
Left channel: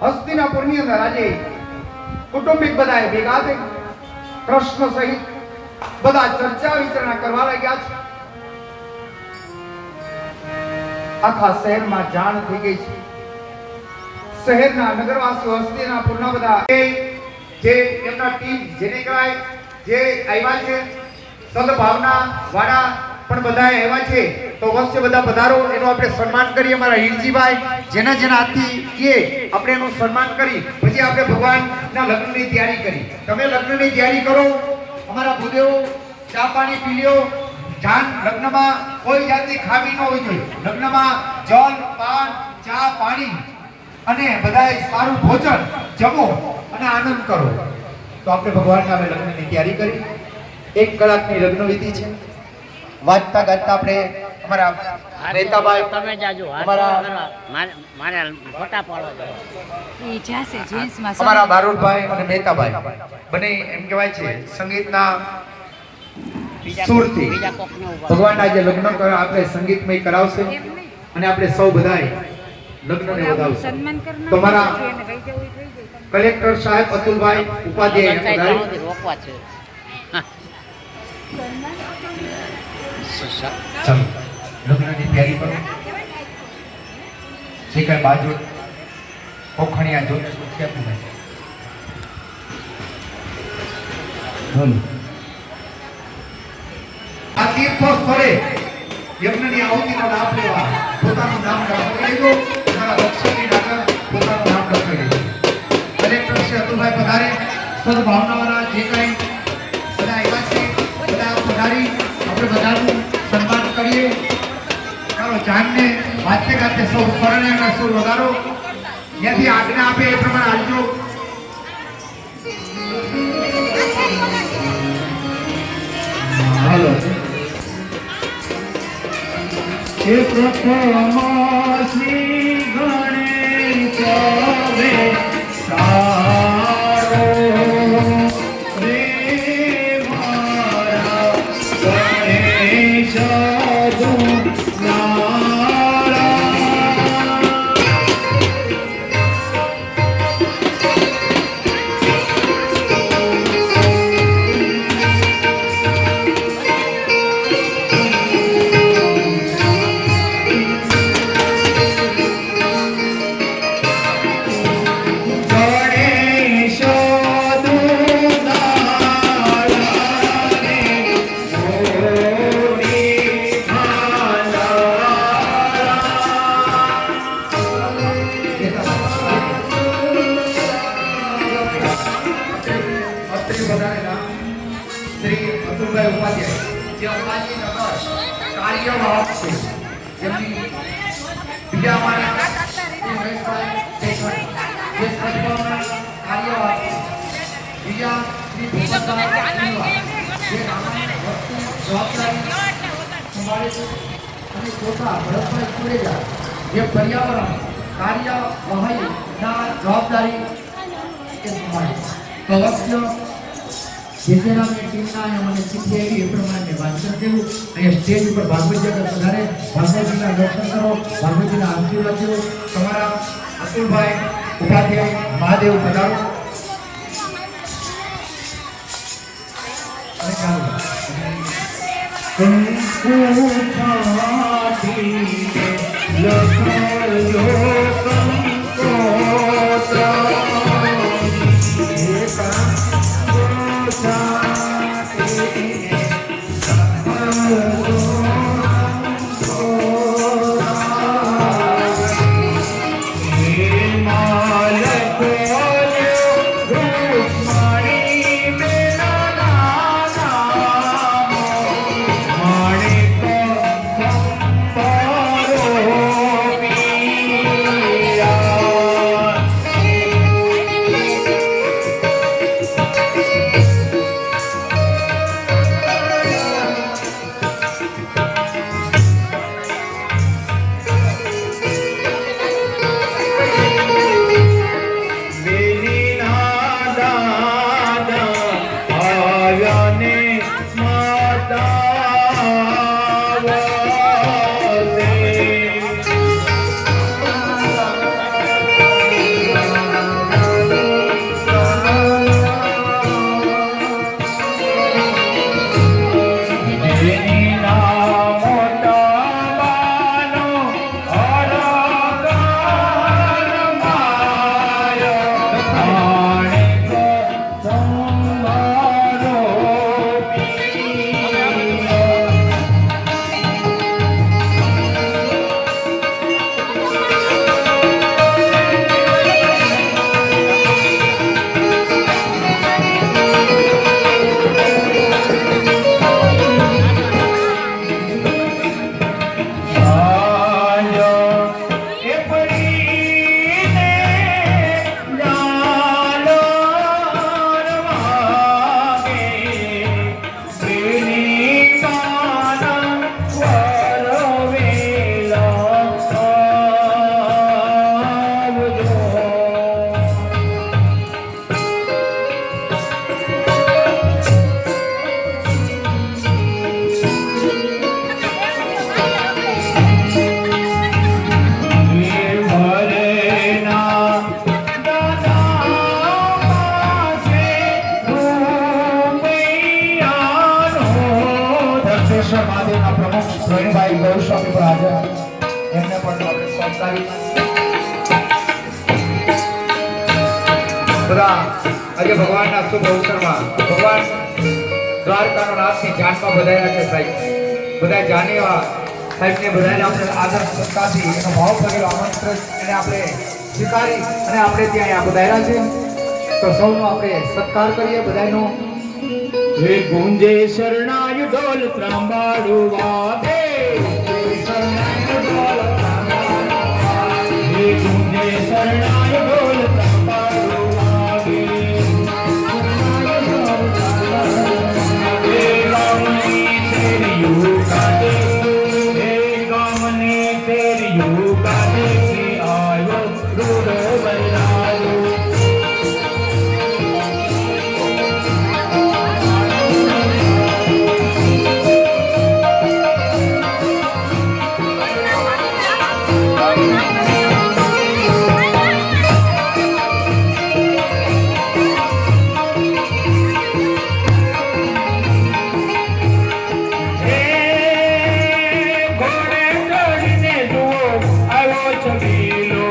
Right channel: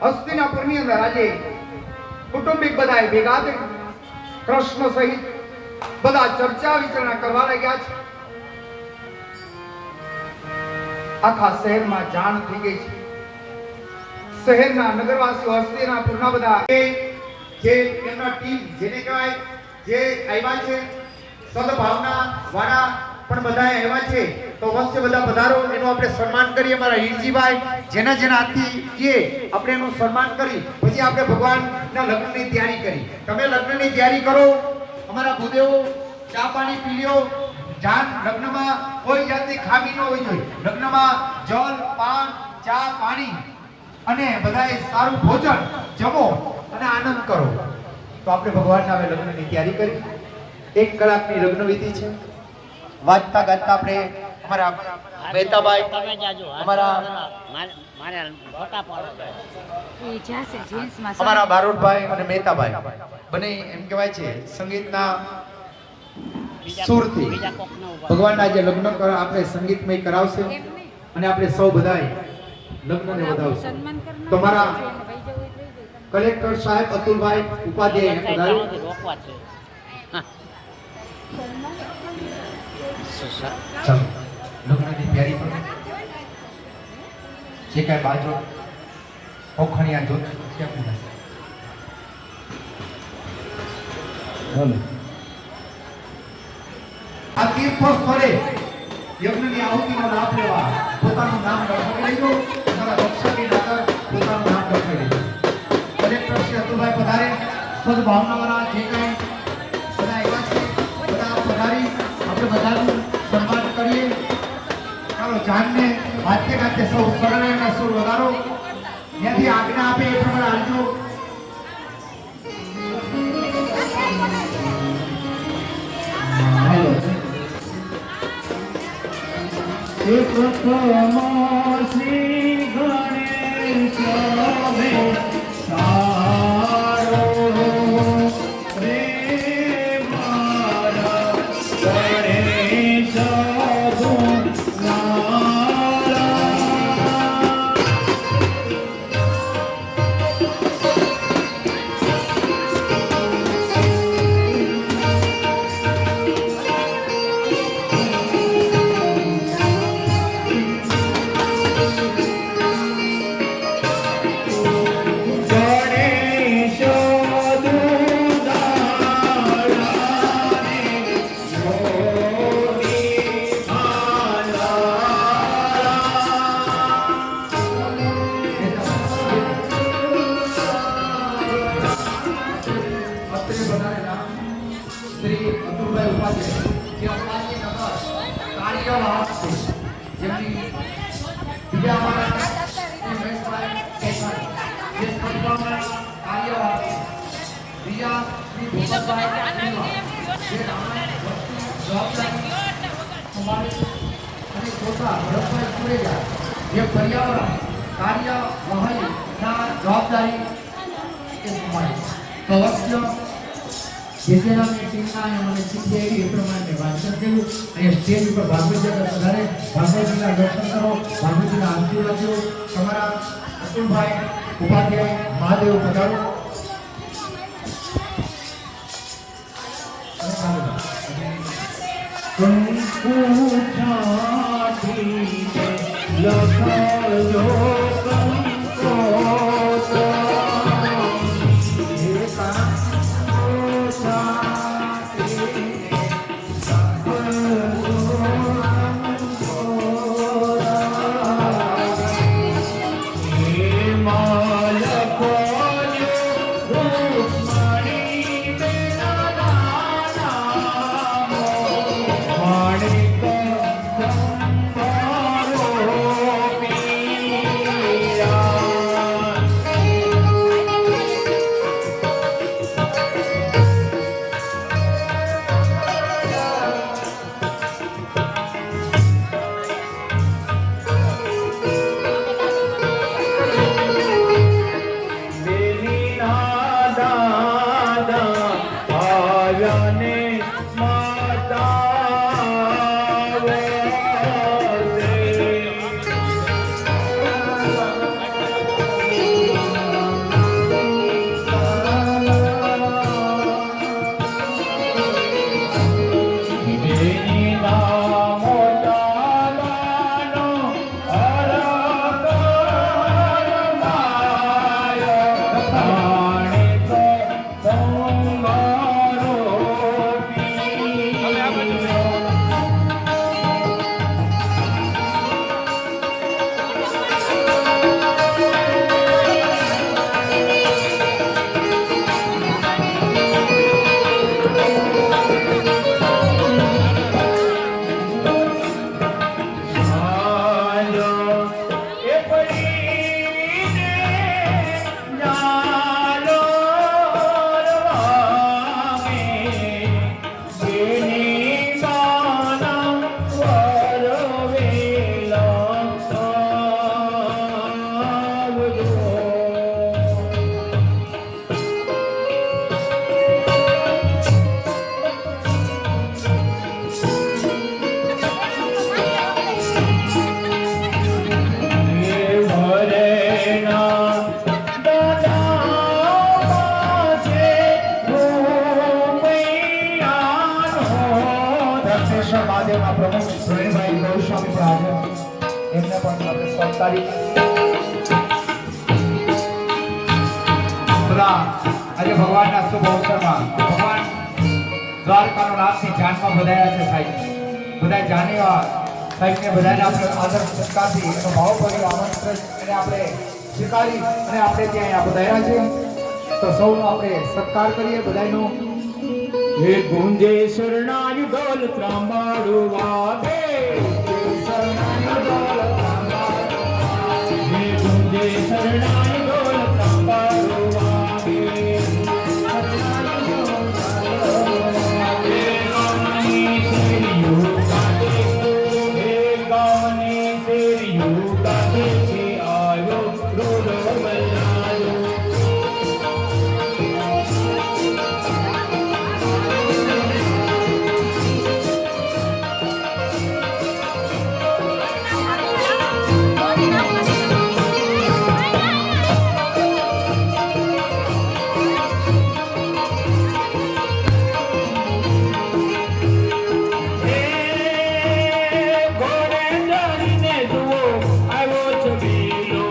હસ્તિનાપુરની અંદર આજે કુટુંબિક બધા ભેગા થઈ કૃષ્ણ સહિત બધા ચર્ચા વિચારણા કરવા લાગ્યા છે. આખા શહેરમાં જાણ થઈ ગઈ છે. શહેરના નગરવાસીઓ હસ્તિનાપુરના બધા જે એમના ટીમ જેને કહેવાય જે આવ્યા છે, સદભાવના વાળા પણ બધા આવ્યા છે. તો વચ્ચે બધા પધારો, એનું આપણે સન્માન કરીએ. અમારા હિરજીભાઈ જેના હાથથી કે આપણે એનું સન્માન કરી પછી આપણે ભગવાનના લગ્નની તૈયારી કરી. તમે લગ્નની તૈયારી કરો. અમારા ભૂદેવો ચા પાણી પી લ્યો. જાન લગ્નમાં કોઈ જાતની ખામી ન હોવી જોઈએ. લગ્નમાં જલ, પાન, ચા, પાણી અને બધાએ સારું ભોજન જમો અને આનંદ કરો. તો આપણે ભગવાનના અમે લગ્નની તૈયારી કરી. 1 કલાકની લગ્ન વિધિ છે. વાંચતા ગાતા આપણે અમારા મહેતાભાઈ, તમે જાજો અમારા મારે ફોટા પાડવા અમારા બારુડભાઈ અને મહેતાભાઈ બને એમ કહેવાય છે સંગીતના સુરથી ભગવાનના જે લગ્ન આપણે સંગીતમય કરાવશે અને આપણે સૌ બધાએ લગ્નને વધાવશે. તો મારા કલેક્ટર સાહેબ અતુલભાઈ ઉપાધ્યાય રોકવા છે. ચાલો લગ્નની તૈયારી કરો. જે કાંઈ બાજુ ઓખણિયા જો બોલો. આ તીર્થ સ્થળે યજ્ઞની આહુતિનો લાભ લેવા પોતાનું નામ લખાવી લીધું. તમારા દક્ષિણી નગર પોતાનું નામ લખાવી લીધું. કલેક્ટર શ્રી અતુલભાઈ પધારે. સદભાવનાવાળા જે કાંઈ બધા આવ્યા છે બધા પધારી આપણે બધાનું સન્માન કરીએ. ચાલો જાનને વાતે ગાતે સૌ પરણાના સૌ વગાડો. ત્યાંથી આજ્ઞા આપે એ પ્રમાણે આવજો. હાલો શ્રી ગણેશ સારો રે મારા ગણેશ જે પર્યાવરણ કાર્યવાહી જવાબદારી કલક્ષ્ય જેતેરાની ટીમના અને સીપીઆઈ એ પ્રમાણે વાંચન કર્યું અને સ્ટેજ ઉપર ભાગવતજીના સુધારે ભાગવતજીના દર્શન કરો, ભાગવતજીના આશીર્વાદ લો. તમારા અતુલભાઈ ઉપાધ્યાય મહાદેવ પધારો અને ચાલો. મહાદેવના પ્રમુખ ધોરીભાઈ ગૌસ્વામી પર હાજર એમને પણ આપણે સત્કારી આજે ભગવાનના શુભ અવસરમાં ભગવાન દ્વારકાનો નાથની જાનમાં બધાયા છે સાહેબ. બધા જાનીવા સાહેબને બધાને આપણે આદર સત્તાથી એનો ભાવ ભરેલો આમંત્રણ એને આપણે સ્વીકારી અને આપણે ત્યાં બધાયા છે. તો સૌનો આપણે સત્કાર કરીએ બધાનો. હે ગુંજે શરણાય ઢોલ ત્રાંબાડો વાગે, હે ગુંજે શરણાય ઢોલ ત્રાંબાડો વાગે, હે ગાવની શેરીઓ કાઢે, હે ગાવની શેરીઓ કાઢે, કે આયો રૂડો બજારો. ઘોડે ચડીને જુઓ આવ્યો છબીલો,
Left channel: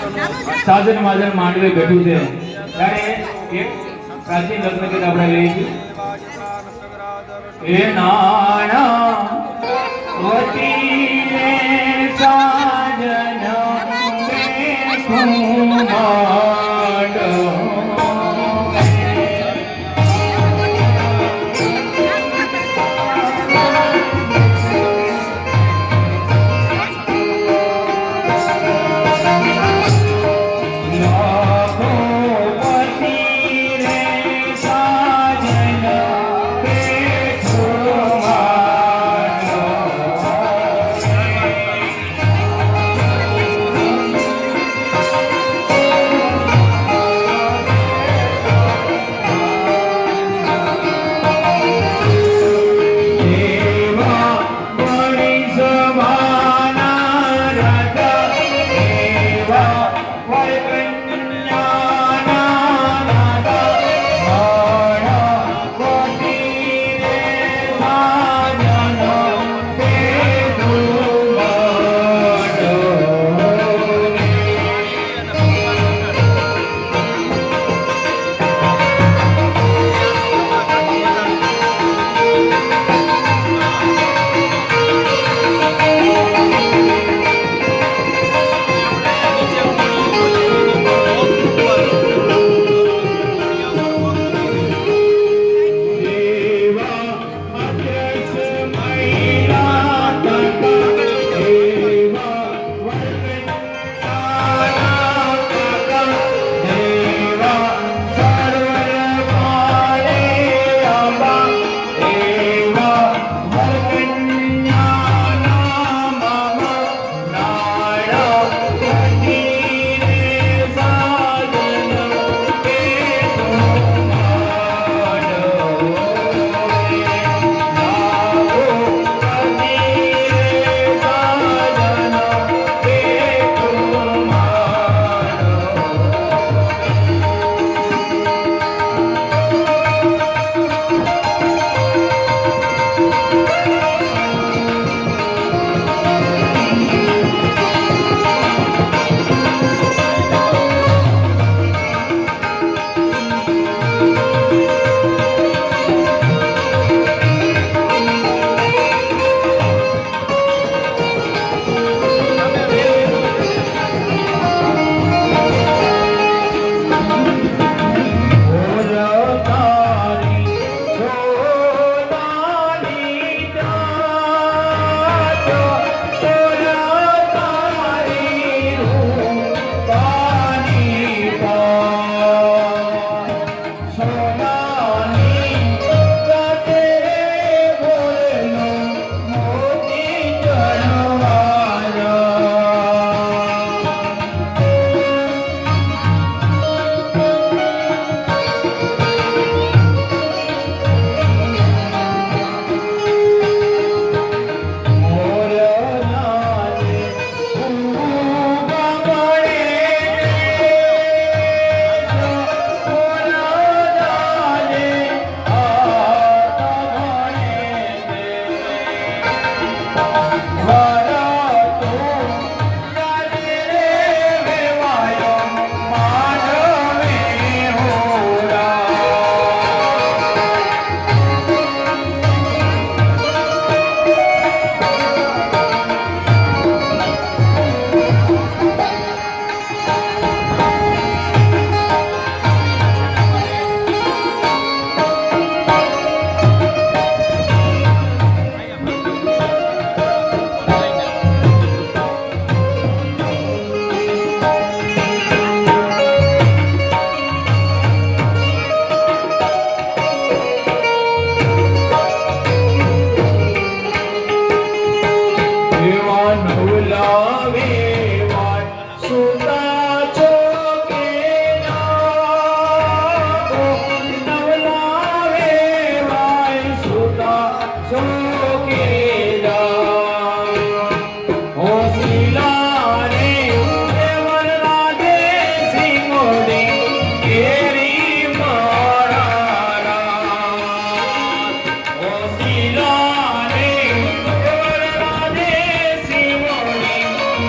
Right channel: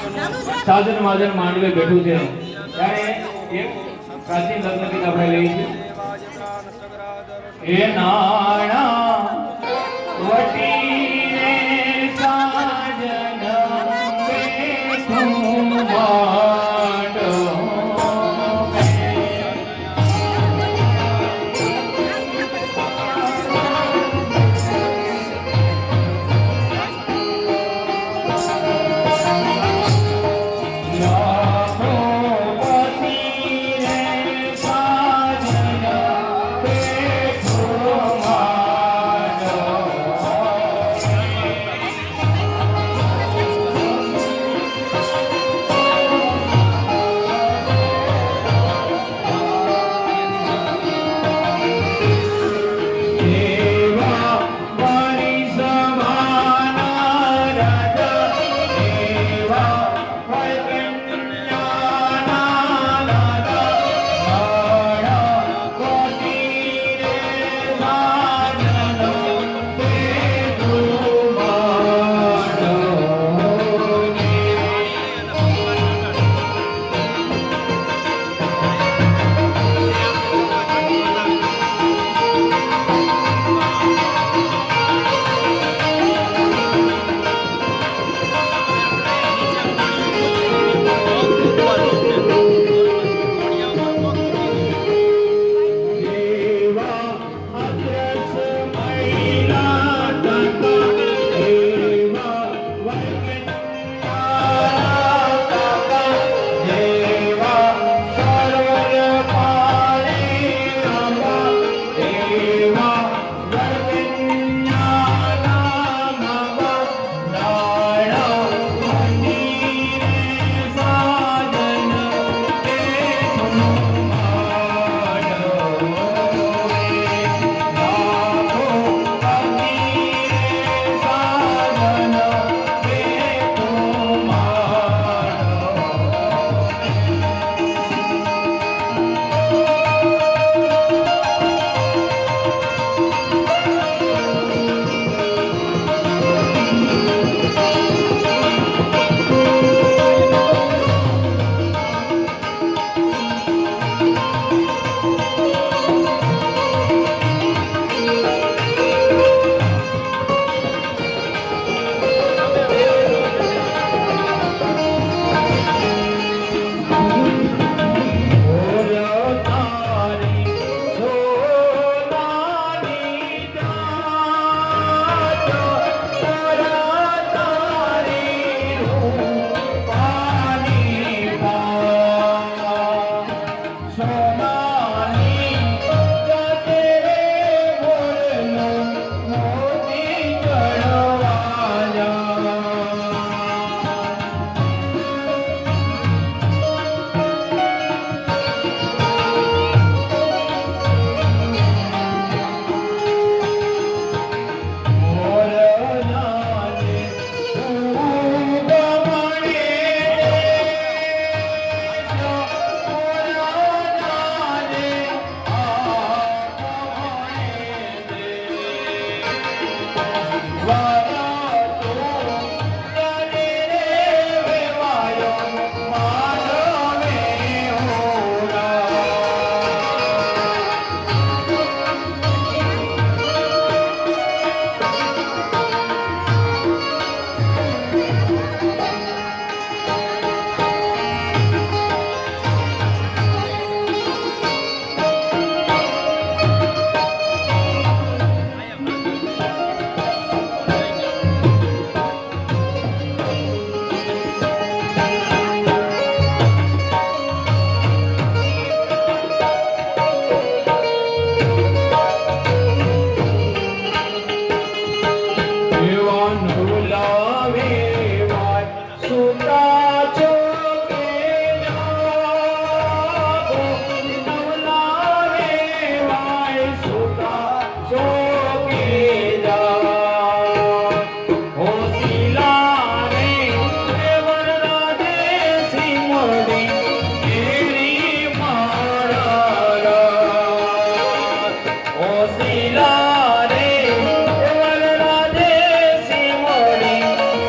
સાજન માજન માંડવે બેઠું છે ત્યારે એક પ્રાચીન લગ્ન ગીત આપણે લઈએ છીએ. એ નાણા વટીને સાજન બેઠું માંડવે.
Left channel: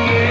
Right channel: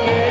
રે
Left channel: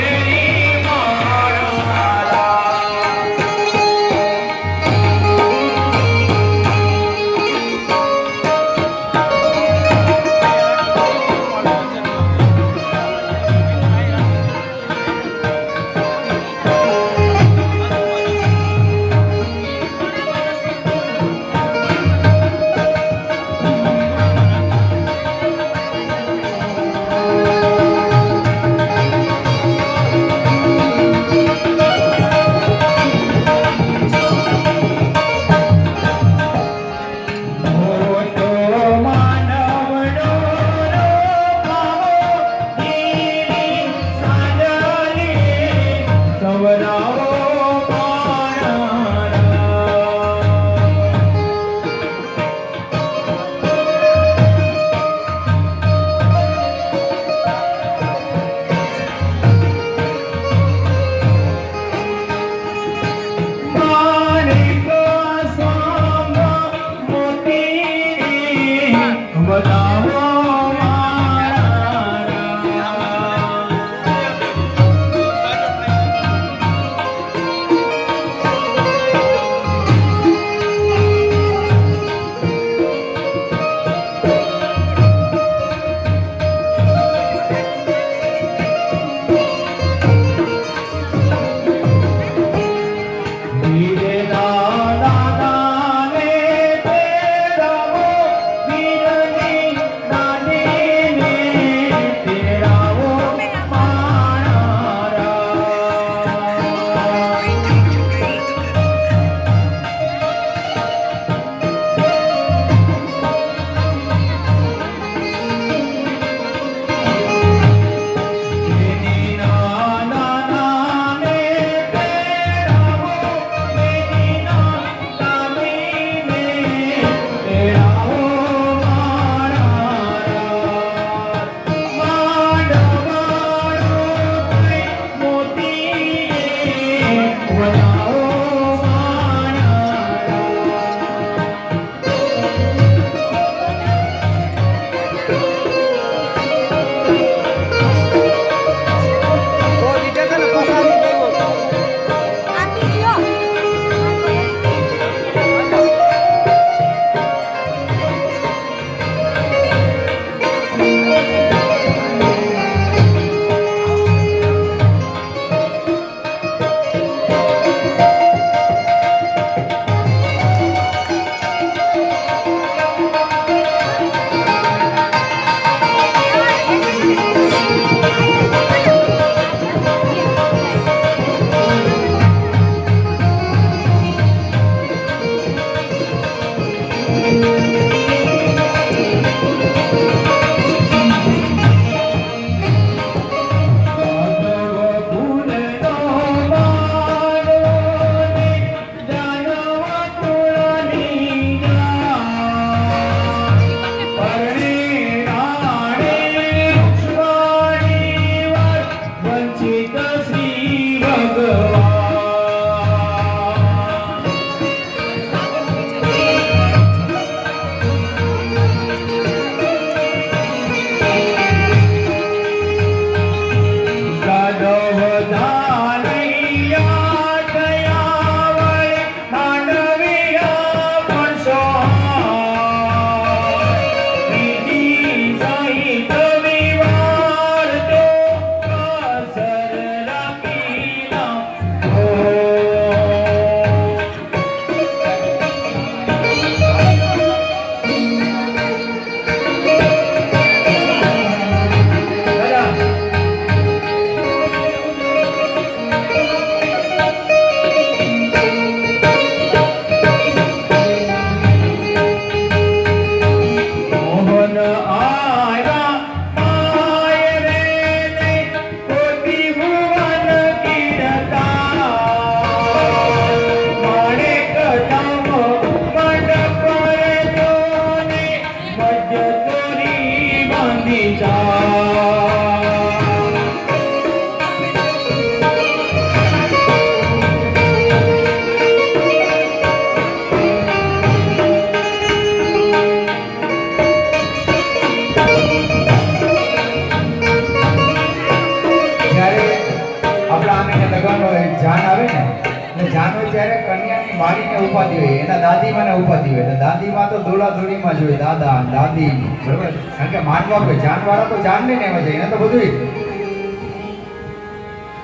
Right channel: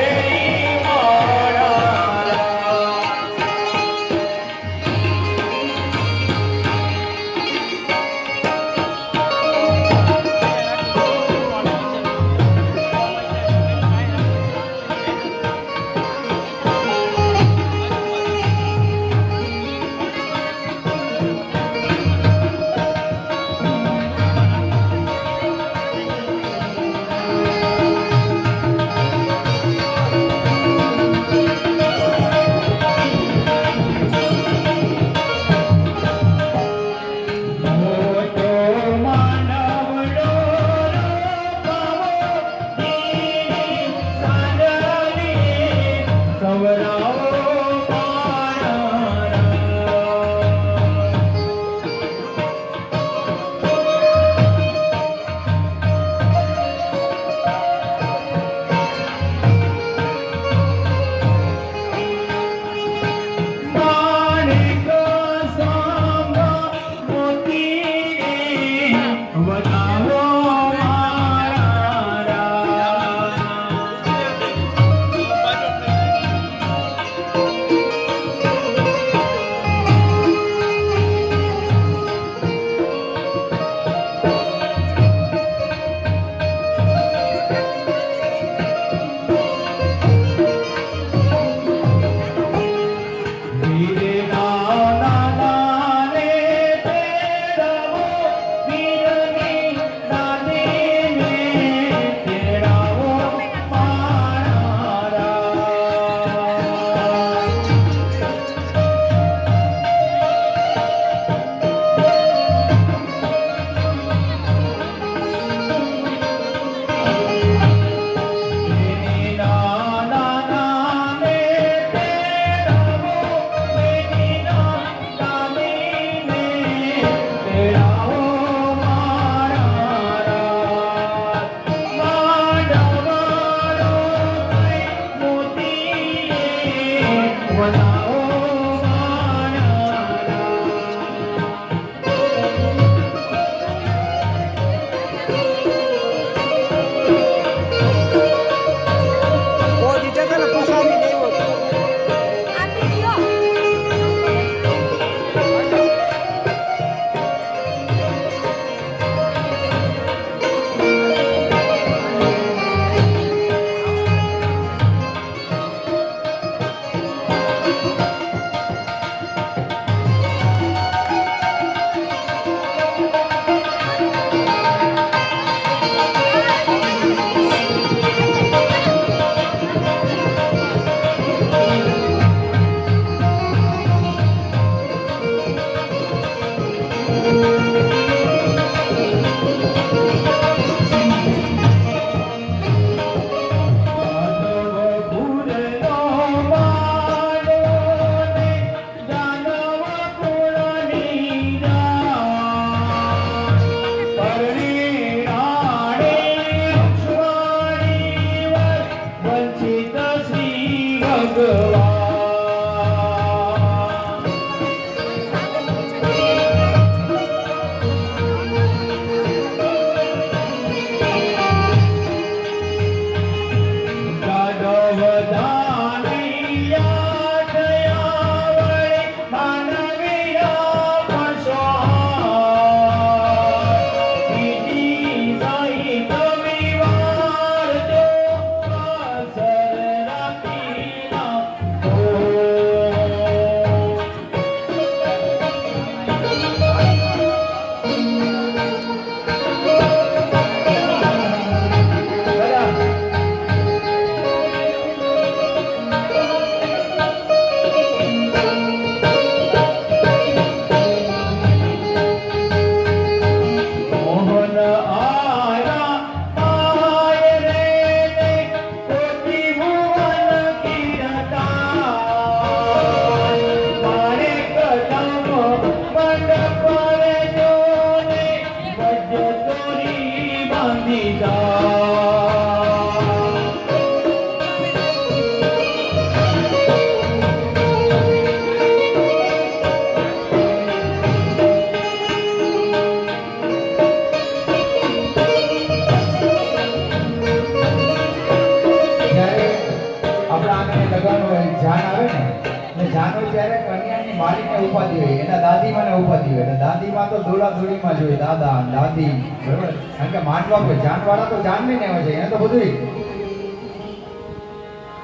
લગ્નનો જાન આવે ને એટલે જાન હોય ત્યારે કન્યાની માળીને ઉપાધિ હોય, એના દાદીમાને ઉપાધિ હોય. એટલે દાદીમાં તો દોડાદોડીમાં જ હોય, દાદા દાદી, બરોબર. કારણ કે માનવા કે જાનવાળા તો જાન લઈને આવે છે, એને તો બધું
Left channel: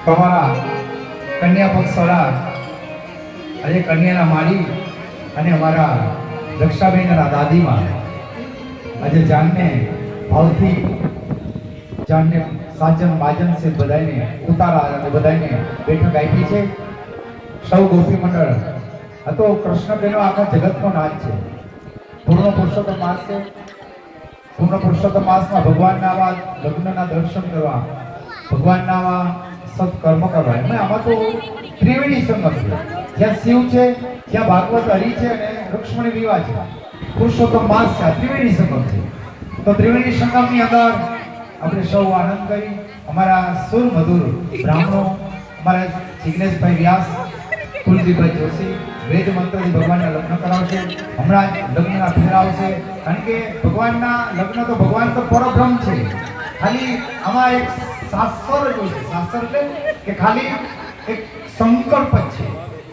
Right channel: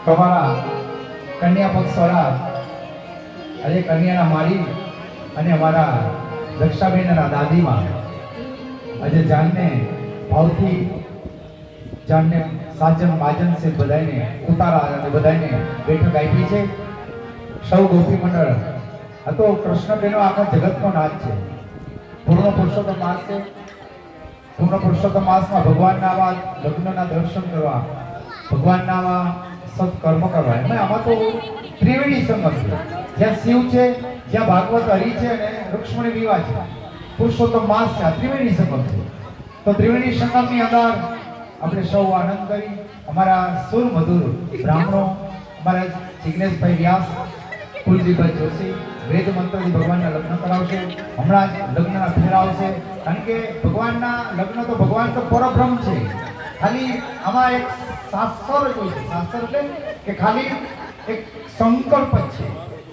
તમારા કન્યા પક્ષવાળા આજે કન્યાના માળી અને અમારા રક્ષાબેનના દાદીમાં આજે જાનને ભાવથી જાનને સાજન બાજન સે બધાઈને ઉતારા અને બધાઈને બેઠક આપી છે. સૌ ગોપી મંડળ આ તો કૃષ્ણબેનો આખા જગતનો નાથ છે. પૂર્ણ પુરુષોત્તમ માસ છે. પૂર્ણ પુરુષોત્તમ માસમાં ભગવાનના આવા લગ્નના દર્શન કરવા, ભગવાનના આવા સત્કર્મ કરવા, એમાં આમાં તો ત્રિવેણી સંગમ છે. જ્યાં શિવ છે, જ્યાં ભાગવત હરિ છે અને રૂક્ષ્મણી વિવાહ છે, પુરુષોત્તમ માસ છે, ત્રિવેણી સંગમ છે. તો ત્રિવેણી સંગમની અંદર આપણે સૌ આનંદ કરી અમારા સુર મધુર બ્રાહ્મણો, અમારા જિગ્નેશભાઈ વ્યાસ, કુલદીપભાઈ જોશી વેદ મંત્રથી ભગવાનના લગ્ન કરાવશે. હમણાં જ લગ્નના ફેરા આવશે. કારણ કે ભગવાનના લગ્ન તો ભગવાન તો પરબ્રહ્મ છે. ખાલી આમાં એક શાસ્ત્ર જ હોય છે. શાસ્ત્ર એટલે કે ખાલી એક સંકલ્પ જ છે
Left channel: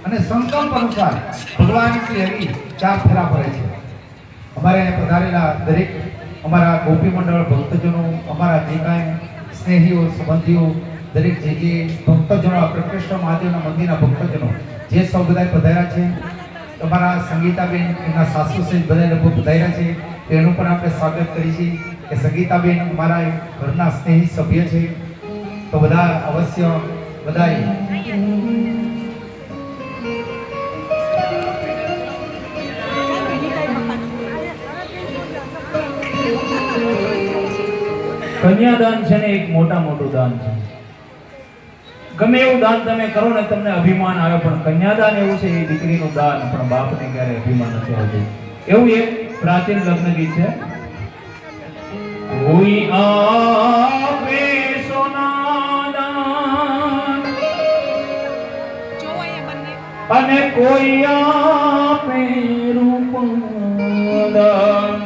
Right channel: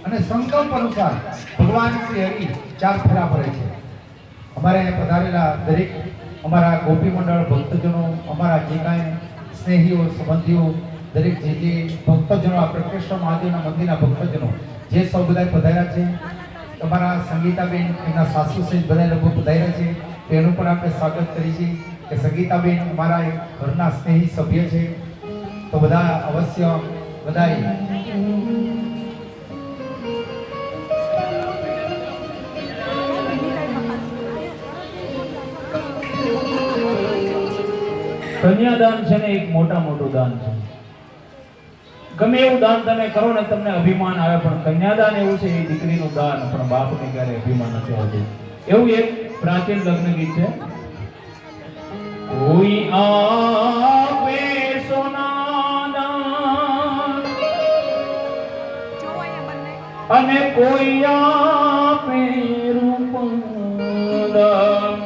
અને સંકલ્પ અનુસાર ભગવાન શ્રી હરિ 4 ફેરા પડે છે. અમારે પધારેલા દરેક અમારા ગોપી મંડળ ભક્તજનો, અમારા જે કાંઈ સ્નેહીઓ સંબંધીઓ, દરેક જે ભક્તજનો, આ પ્રકૃષ્ણ મહાદેવના મંદિરના ભક્તજનો જે સૌ બધા પધાર્યા છે, તમારા સંગીતાબેન એમના સાસુ સહિત બધા લોકો પધાર્યા છે, તેનું પણ આપણે સ્વાગત કરીએ છીએ કે સંગીતાબેન અમારા એક ઘરના સ્નેહી સભ્ય છે. તો બધા અવશ્ય બધાય કન્યાદાન છે ને એક મોટું દાન છે. ગમે એવું દાન તમે કરો ને તમને અભિમાન આવે, પણ કન્યાદાન એવું છે, એ દીકરીનું દાન પણ બાપને ક્યારે અભિમાન નથી આવતું. એવું એક પ્રાચીન લગ્ન ગીત છે. કોઈ આપે સોના દાન અને કોઈ આપે રૂપ દાન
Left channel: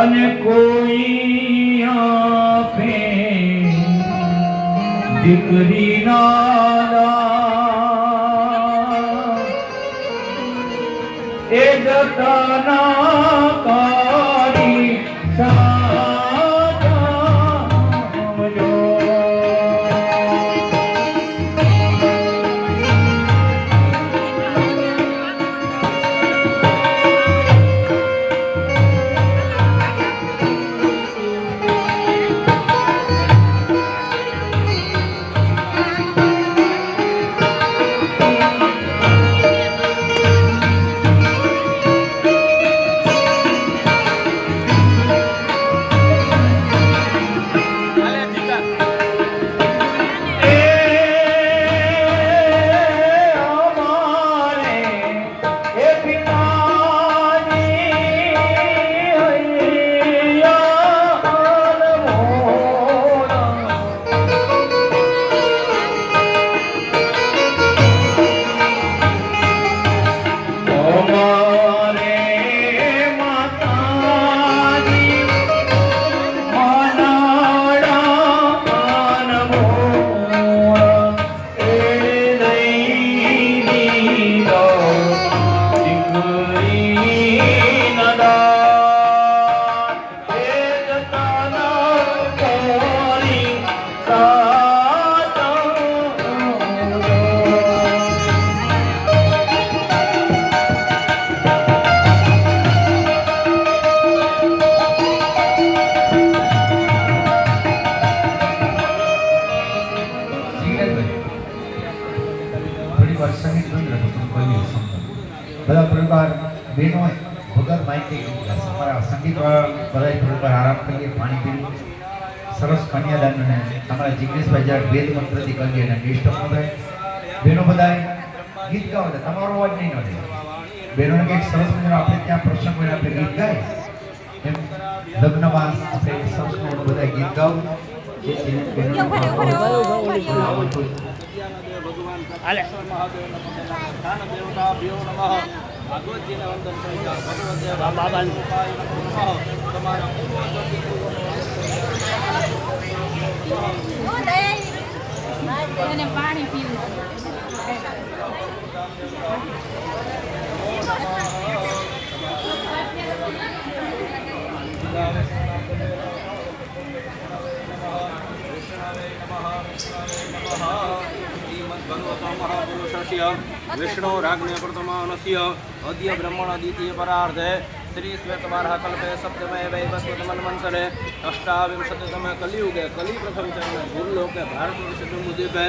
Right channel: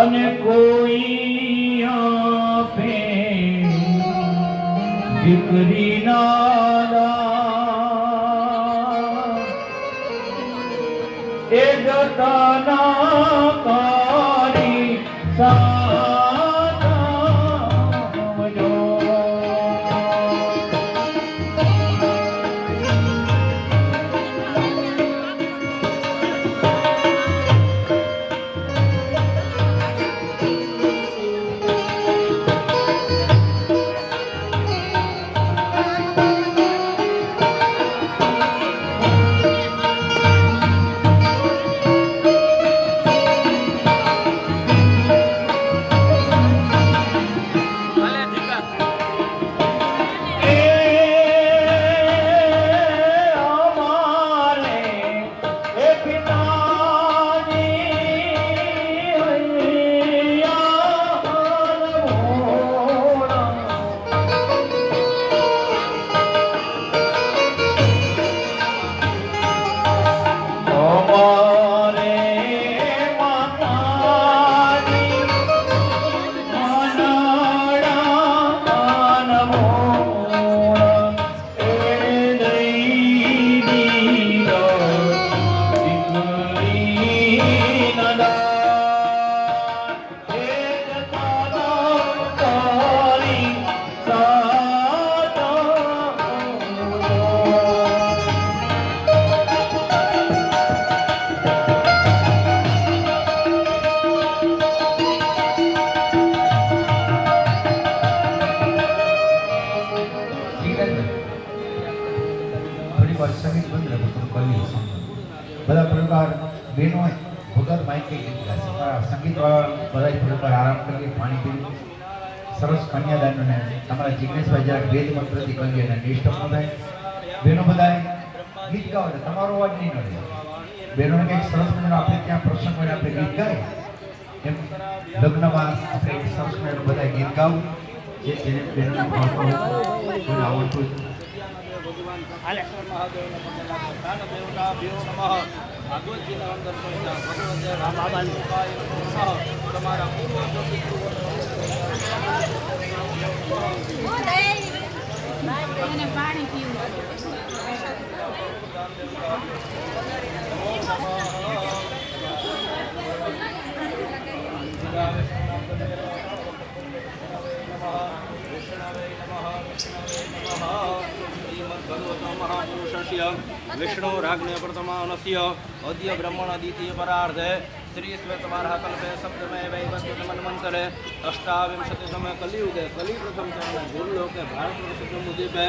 અને કોઈ આપે દીકરીના દાન. એ જતાના કાઢી સાચવજો. બધા પરિવાર બહેનો વગર માહિતી અમારા સંગીત વાળા બધા પરિવાર આરામ કરીએ, પાણી પીએ, સરસ કન્યાદાન અને અમારા જિગ્નેશભાઈ જ્યારે વેદ મંત્રથી કરીએ અને નિષ્ઠ થાય. બહેનો બધા ગીત ગાવ, તમારો અવાજ નહીં મળે. બહેનોને કંઈક સરસ મજાનું આપણે ત્યાં પ્રસંગ હોય આપણે ગીત ગાય એમ લગ્નમાં આપણે સરસ મજાનું બધા ગીત ગાવું જે બહેનોને આવડતું. ભાગવતજીના વંદન કરી જાઓ. ભગવતે બાબાની કૃપાય નમો નમઃ. તમારા પૂર્વજો પિતૃઓ એને પાણી પીવું विष्णु राज्ञ प्रथमानस्य अद्य ब्रह्मण द्वितीय परार्धे श्री श्वेतवाराह कल्पे सप्तमे वैवस्वतमन्वन्तरे अष्टाविंशतितमे कलियुगे कलि प्रथम चरण भूलोके भारतवर्षद्वीपे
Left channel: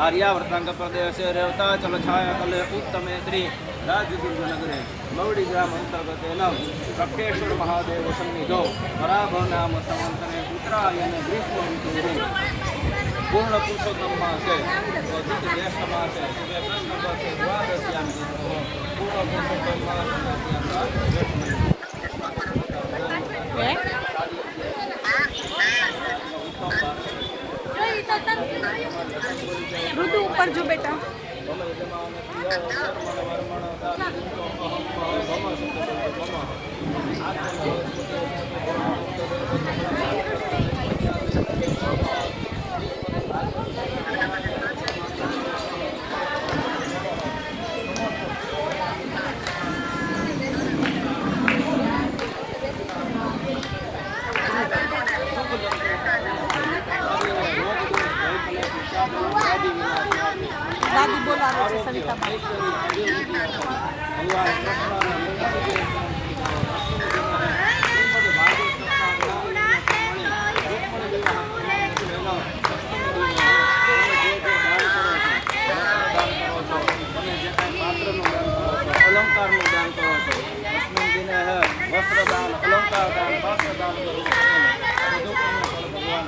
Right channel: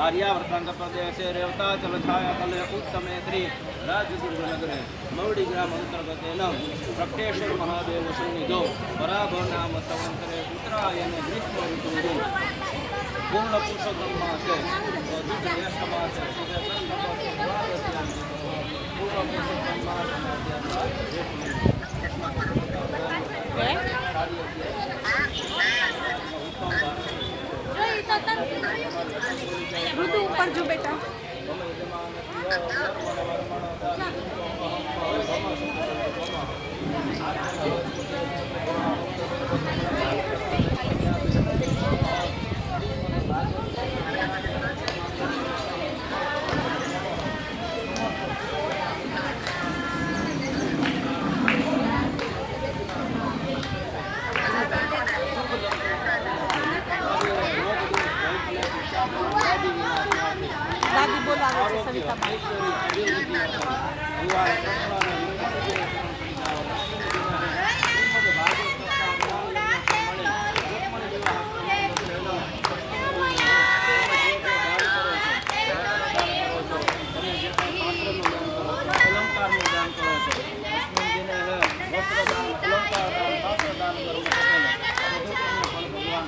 आर्यावर्तांग प्रदेशे रेवताचल छाया कले उत्तमे श्री राजदुर्गनगरे मौडी ग्राम अंतर्गतेन प्रत्येश्वर महादेव सन्निधौ पराभव नाम संवत्सरे उत्तरायण ग्रीष्म ऋतुः पूर्ण पुरुषोत्तम मासे अधिक ज्येष्ठ मासे सुबह प्रश्न पत्र द्वादश्याम पूर्ण पुरुषोत्तम मास ज्येष्ठ महीना ऋतु ऊपर जो बेटा अलंकारનું દાન કરો છો અસ્મિન દિને વસ્ત્રદાન અલંકારદાન પાત્રદાન કરવું બધું ફળ ભગવાન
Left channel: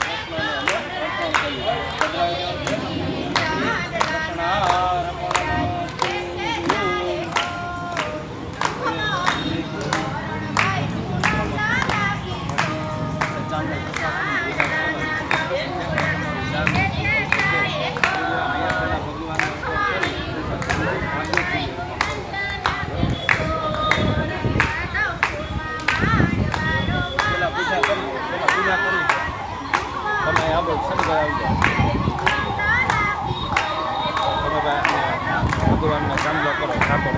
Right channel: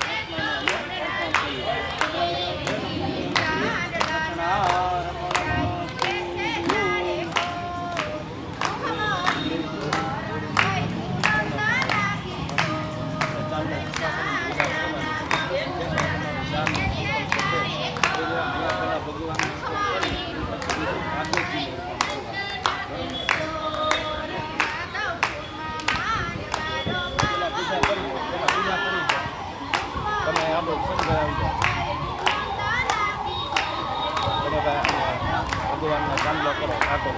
પૂજા કરી તમે આ બધું શનિવાર આવી જાઓ તમે ભાઈ ભગવાનને ચાંદલો કરો ઠાકોર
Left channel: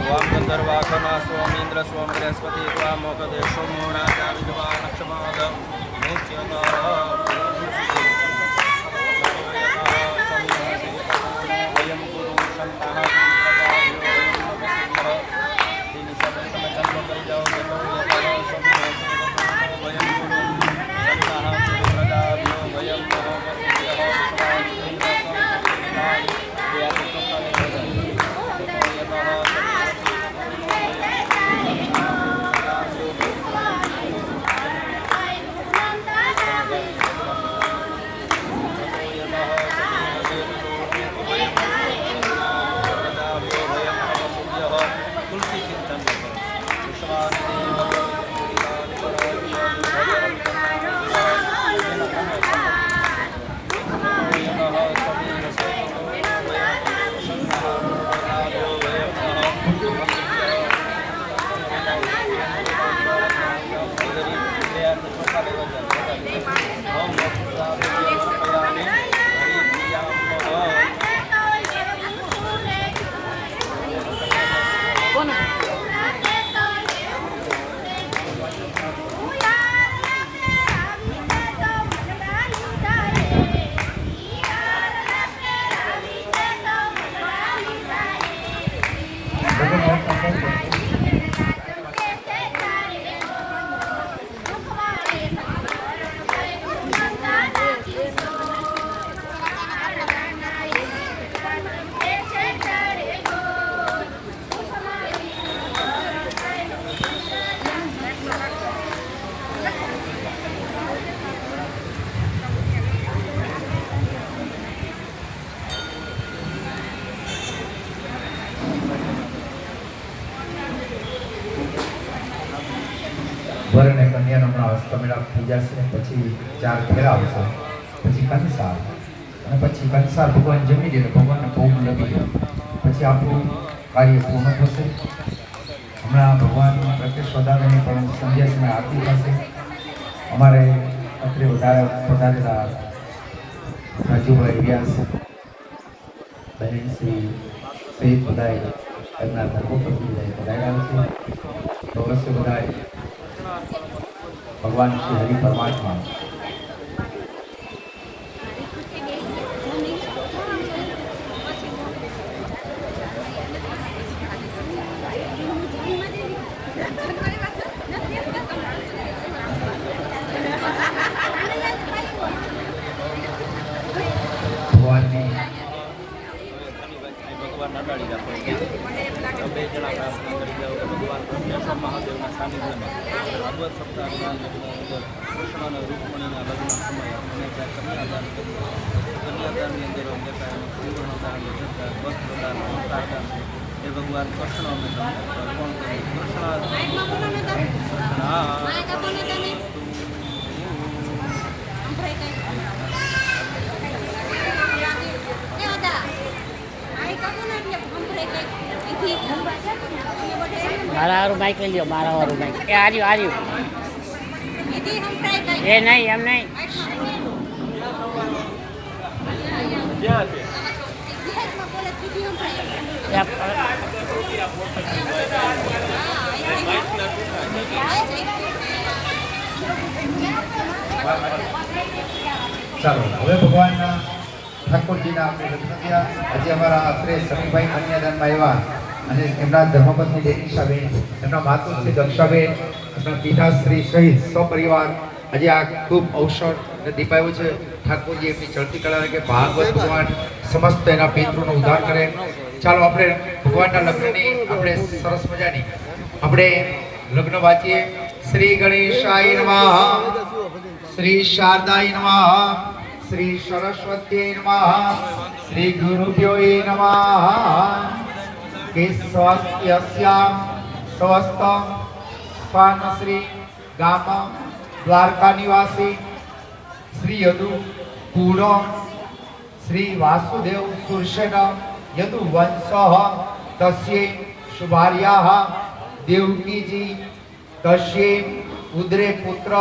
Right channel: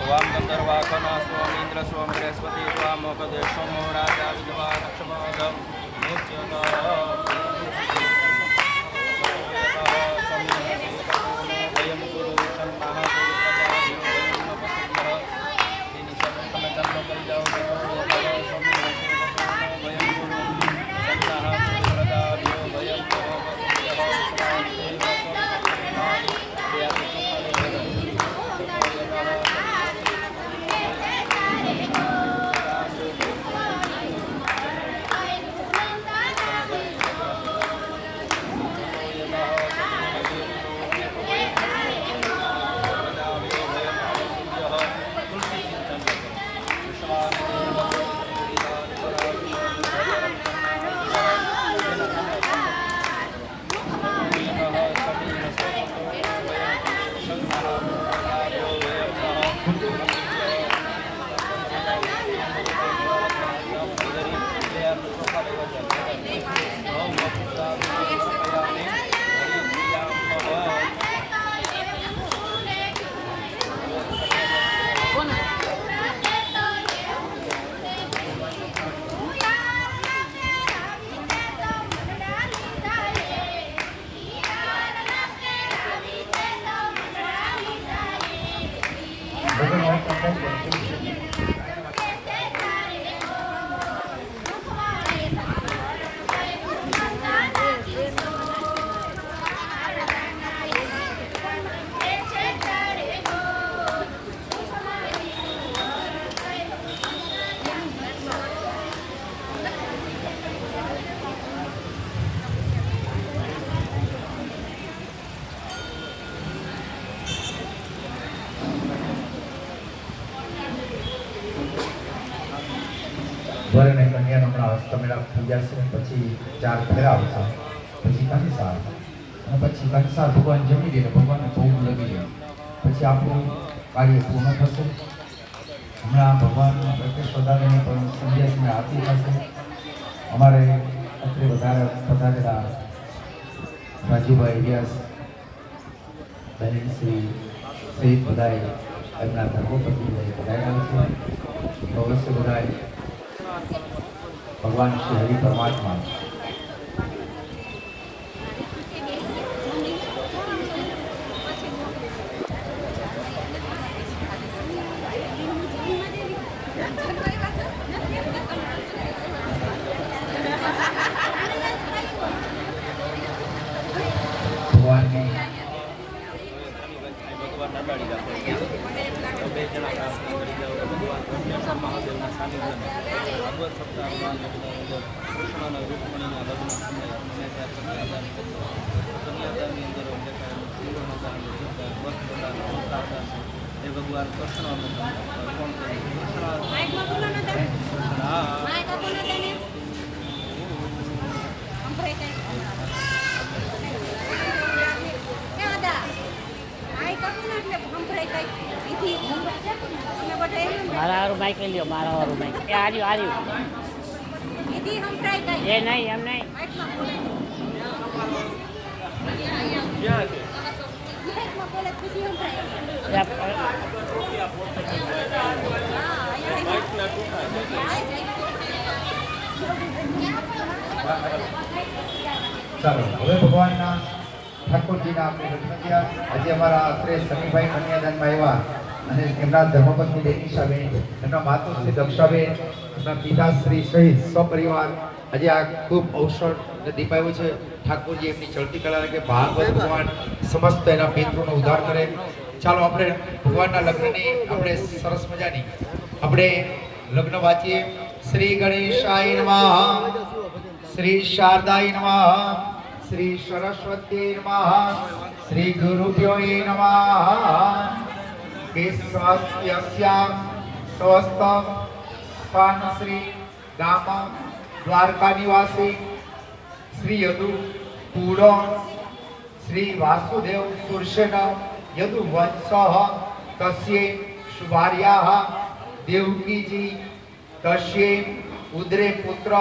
વામ ગંધર્વાખના સ્વામી ઇન્દ્ર સ્વામી બૃહસ્પતિ વામ મોકદે સોમો રાજા વિજવા નક્ષમાદ વયમ ગુરુ સંતાહ તમે ચાંદલો કરી જાઓ वयं गुरु संताः प्रदाभ्यो वयं तुलसी चिंतन करो विश्वास વર અને કન્યાનો હમણાં હસ્તમેળાપ થઈ જશે પછી 4 ફેરા આવશે પછી કંસાર અને પછી કંસાર ભગવાન જમી દે ભગવાનને ભોગ લગી જાય પછી આપણું કાર્ય પૂર્ણ થશે હમણાં ભગવાન પ્રત્યક્ષ વધારાની પણ સંધ્યાસની આરતી થશે અમારે અત્રે વધારે પધારેલા અજયભાઈ વ્યાસ બહેન શ્રી સહિત બધાએ એમના ધર્મપત્ની પધાર્યા છે. અવશ્ય બધાએ ભગવાન શ્રી હરિ પરમાત્મા ભગવાનની ભગવાન નાડાડી રાખો. બે જણા પ્રાર્થના કરી જાઓ કે ભગવાન કૃષ્ણ મહાદેવના સાનિધ્યમાં ભાગવત સપ્તાહના અંદર કૃષ્ણ અને રૂકમણીના લગ્ન સમયે અમે ત્યાં કન્યાદાન કર્યું. કન્યાદાનની અંદર લેતા એનું સુવર્ણદાન, લજ્જતદાન, વસ્ત્રદાન, અલંકારદાન એ ભગવાન કૃષ્ણ અમે તમને અર્પણ કર્યું. મારા વાળું બાઈક લઈ લ્યો, મારા વાળું બાઈક. એ આર્યું આર્યું એ નહીં એમ નહીં. ક્યાં છે? ચાલો હવે ભગવાનના ઠાકોરજીના આપણે દર્શન કર્યા. આજે અમારા આશરે સમીભાઈ કન્યાદાનમાં આવ્યા અને એમના ધર્મપત્ની દેનીશાબેન, એમના માતુશ્રી દક્ષાબેન, એમના પિતાશ્રી સહિત સપરિવાર આજે આ ખૂબ અવસર અને દીપાવ્યું છે. ઠાકોરજી એમની ચડતી કળા કે ભાગવત ભગવાન સમસ્ત એના પિતૃનો ઉદ્ધાર કરે. ચાલો આપણે ભગવાનના લગ્નની આપણે સરસ મજાની આપણે લગ્ન વાંચીએ. શ્રી ગણેશાય નમઃ, શ્રી શારદાય નમઃ, શ્રી સરસ્વત્यै નમઃ, શ્રી ગુરુભ્યો નમઃ. કે સ્વસ્યસ્યામ સ્વસ્તમ સ્વાન શ્રી ગામ દ્વારકા નિવાસી શ્રી યદુ પૂર્ણ શ્રી વાસુદેવ સુરસેન યદુ વંશઃ તસ્યે શુભાર્યાઃ દેવકીજી તસ્યે ઉદરે પુત્ર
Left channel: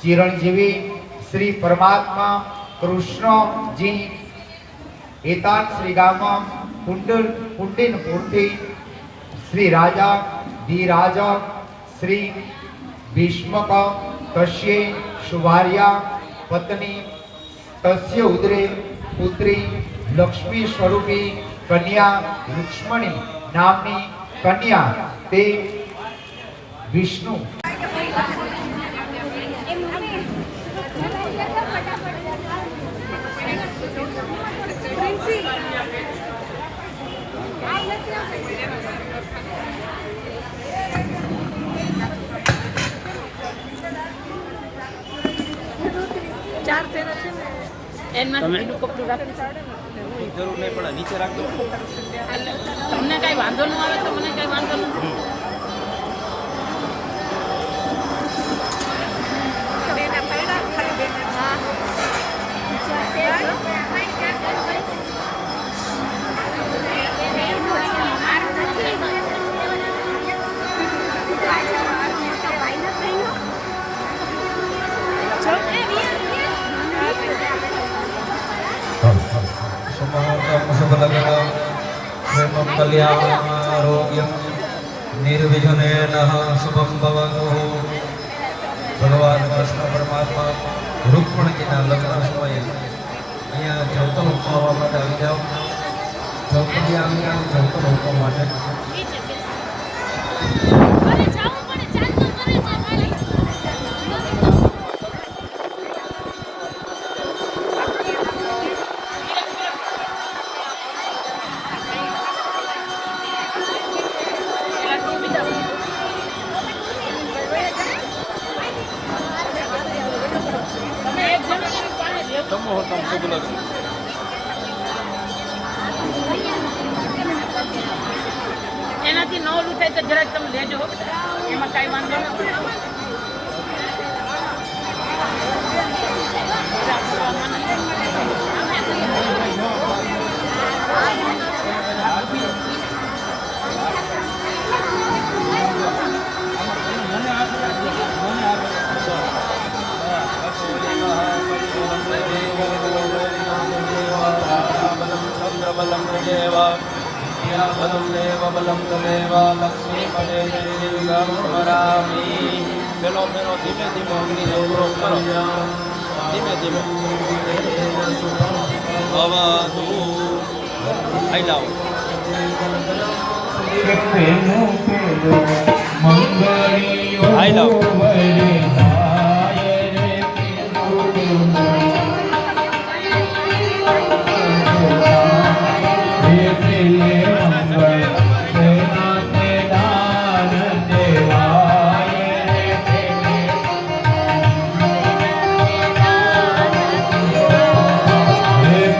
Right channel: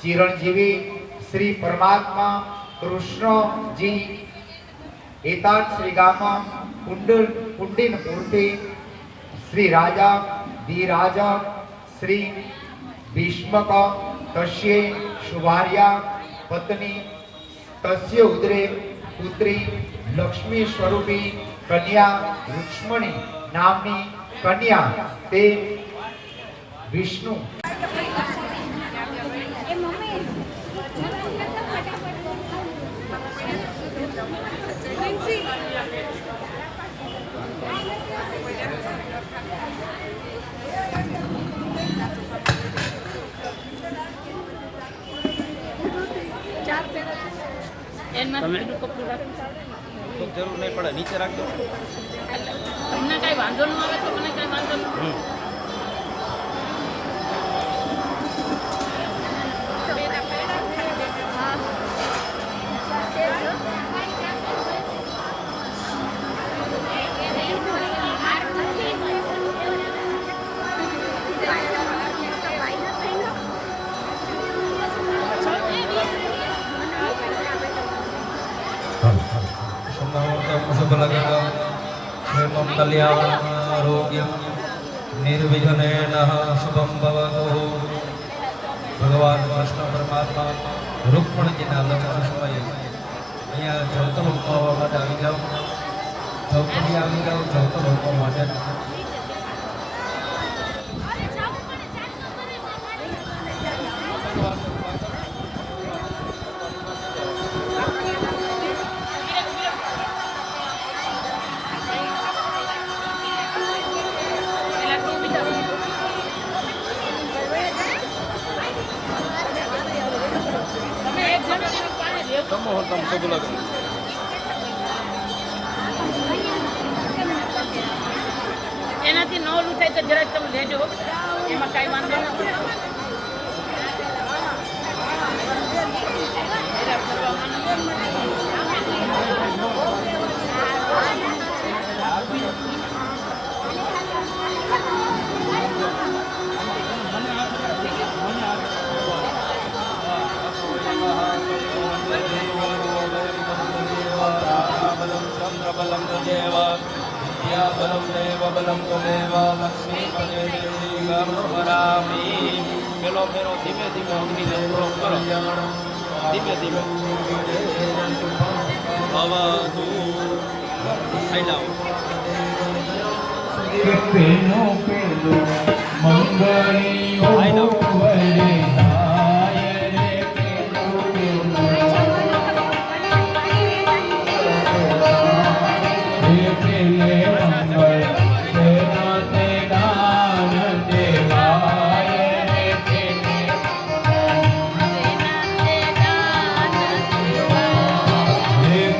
ચિરંજીવી શ્રી પરમાત્મા કૃષ્ણજી એતાન શ્રી ગામ કુંડિન મૂર્તિ શ્રી રાજા ધીરાજા શ્રી ભીષ્મક તસ્યે શુભાર્યા પત્ની તસ્ય ઉદરે પુત્રી લક્ષ્મી સ્વરૂપી કન્યા રુક્ષ્મણી નામની કન્યા તે વિષ્ણુ તમે જરૂર નહીં પડે, નીચે રાખજો. તમને કઈ વાંધો ન આવે તો મને કઈ વાંધો નથી. प्रेमं कल्याणारोग्यं निर्विघ्नेन शुभं भवतु. ભગવાન કૃષ્ણ પરમાત્મા રૂકમણીજીના લગ્ન સમયે અહીંયા જવતન ઉપાડવા માટે આવી જાઓ. જવતની આવી જાઓ, જવતન ઉપાડવા માટે. એનાથી ન લૂંટાય તો જરાક તમે લેજો, એમાં કાંઈ વાંધો નથી. મને મંત્રબલમ દેવ વિદ્યાબલમ દેવ બલમ દેવ લક્ષ્મીપદે દેવી ગમરામી. પેલો ફેરો ધીમે ધીમે અગ્નિ કરો, ધીમે ધીમે ભવતુ. થઈ જાઓ. પેલો પેલો મંગળીઓ આઈ લવ. વરદાય રે પેલે મંગળ તેના તે દાન દેવાય રે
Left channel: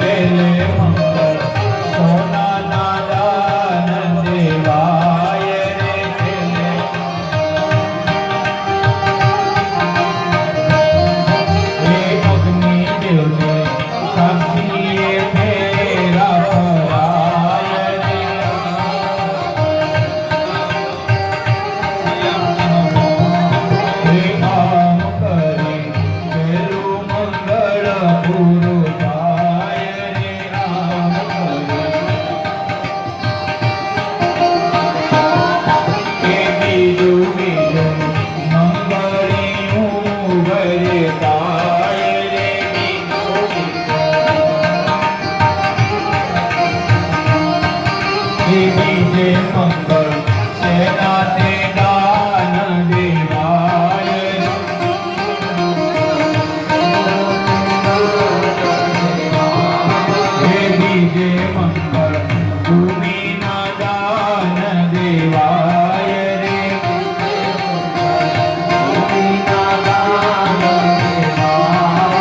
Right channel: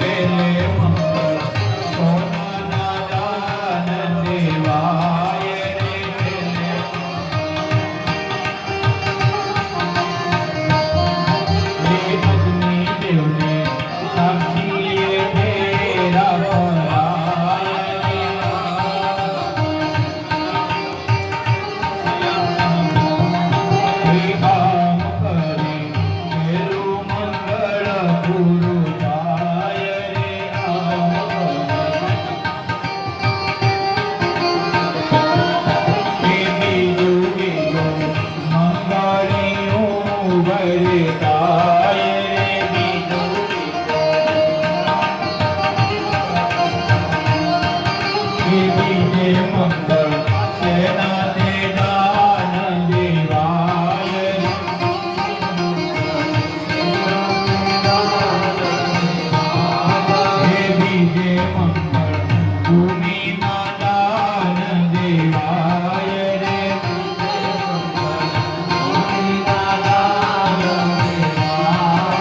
પેલે મંગળ સોનાના દાન દેવાય રે પેલે અગ્નિ દેવને સાક્ષીએ ફેરા ફરાય રે. આમ કરી પેલું મંગળ પૂરું થાય રે. આમ કરી બીજું બીજું મંગળીયું વરદાય રે. બીજું બીજે મંગળ સેના તે દાન દેવાય રે. બીજે મંગળ ભૂમિના દાન દેવાય રે. ભૂમિના દાન દેવાય.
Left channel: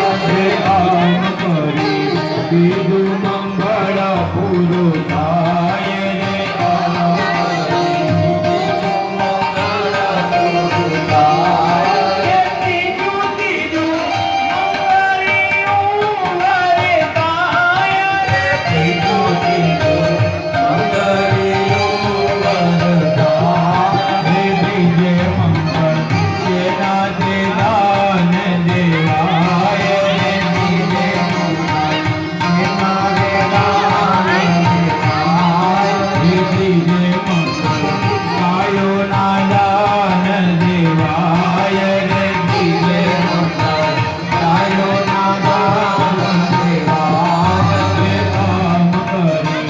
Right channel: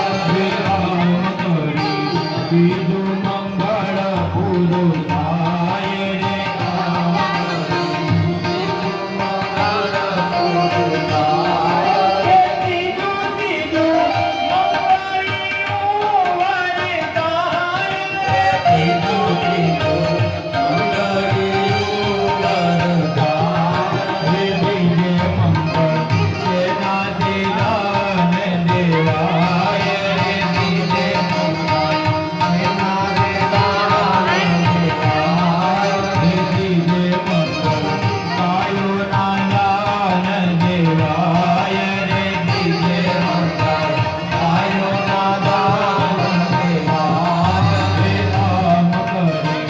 આમ કરી બીજું મંગળ પૂરું થાય રે. આમ કરી બીજું મંગળ પૂરું થાય. ત્રીજું ત્રીજું મંગળીયું વરદાય રે. ત્રીજું ત્રીજું મંગળીયું વરદાય રે. બીજે મંગળ સેનાથી દાન દેવાય રે. બીજે મંગળ સેનાથી દાન દેવાય રે. બીજે મંગળ ગાયોના દાન દેવાય રે. બીજે મંગળ ગાયોના દાન દેવાય રે. આમ કરી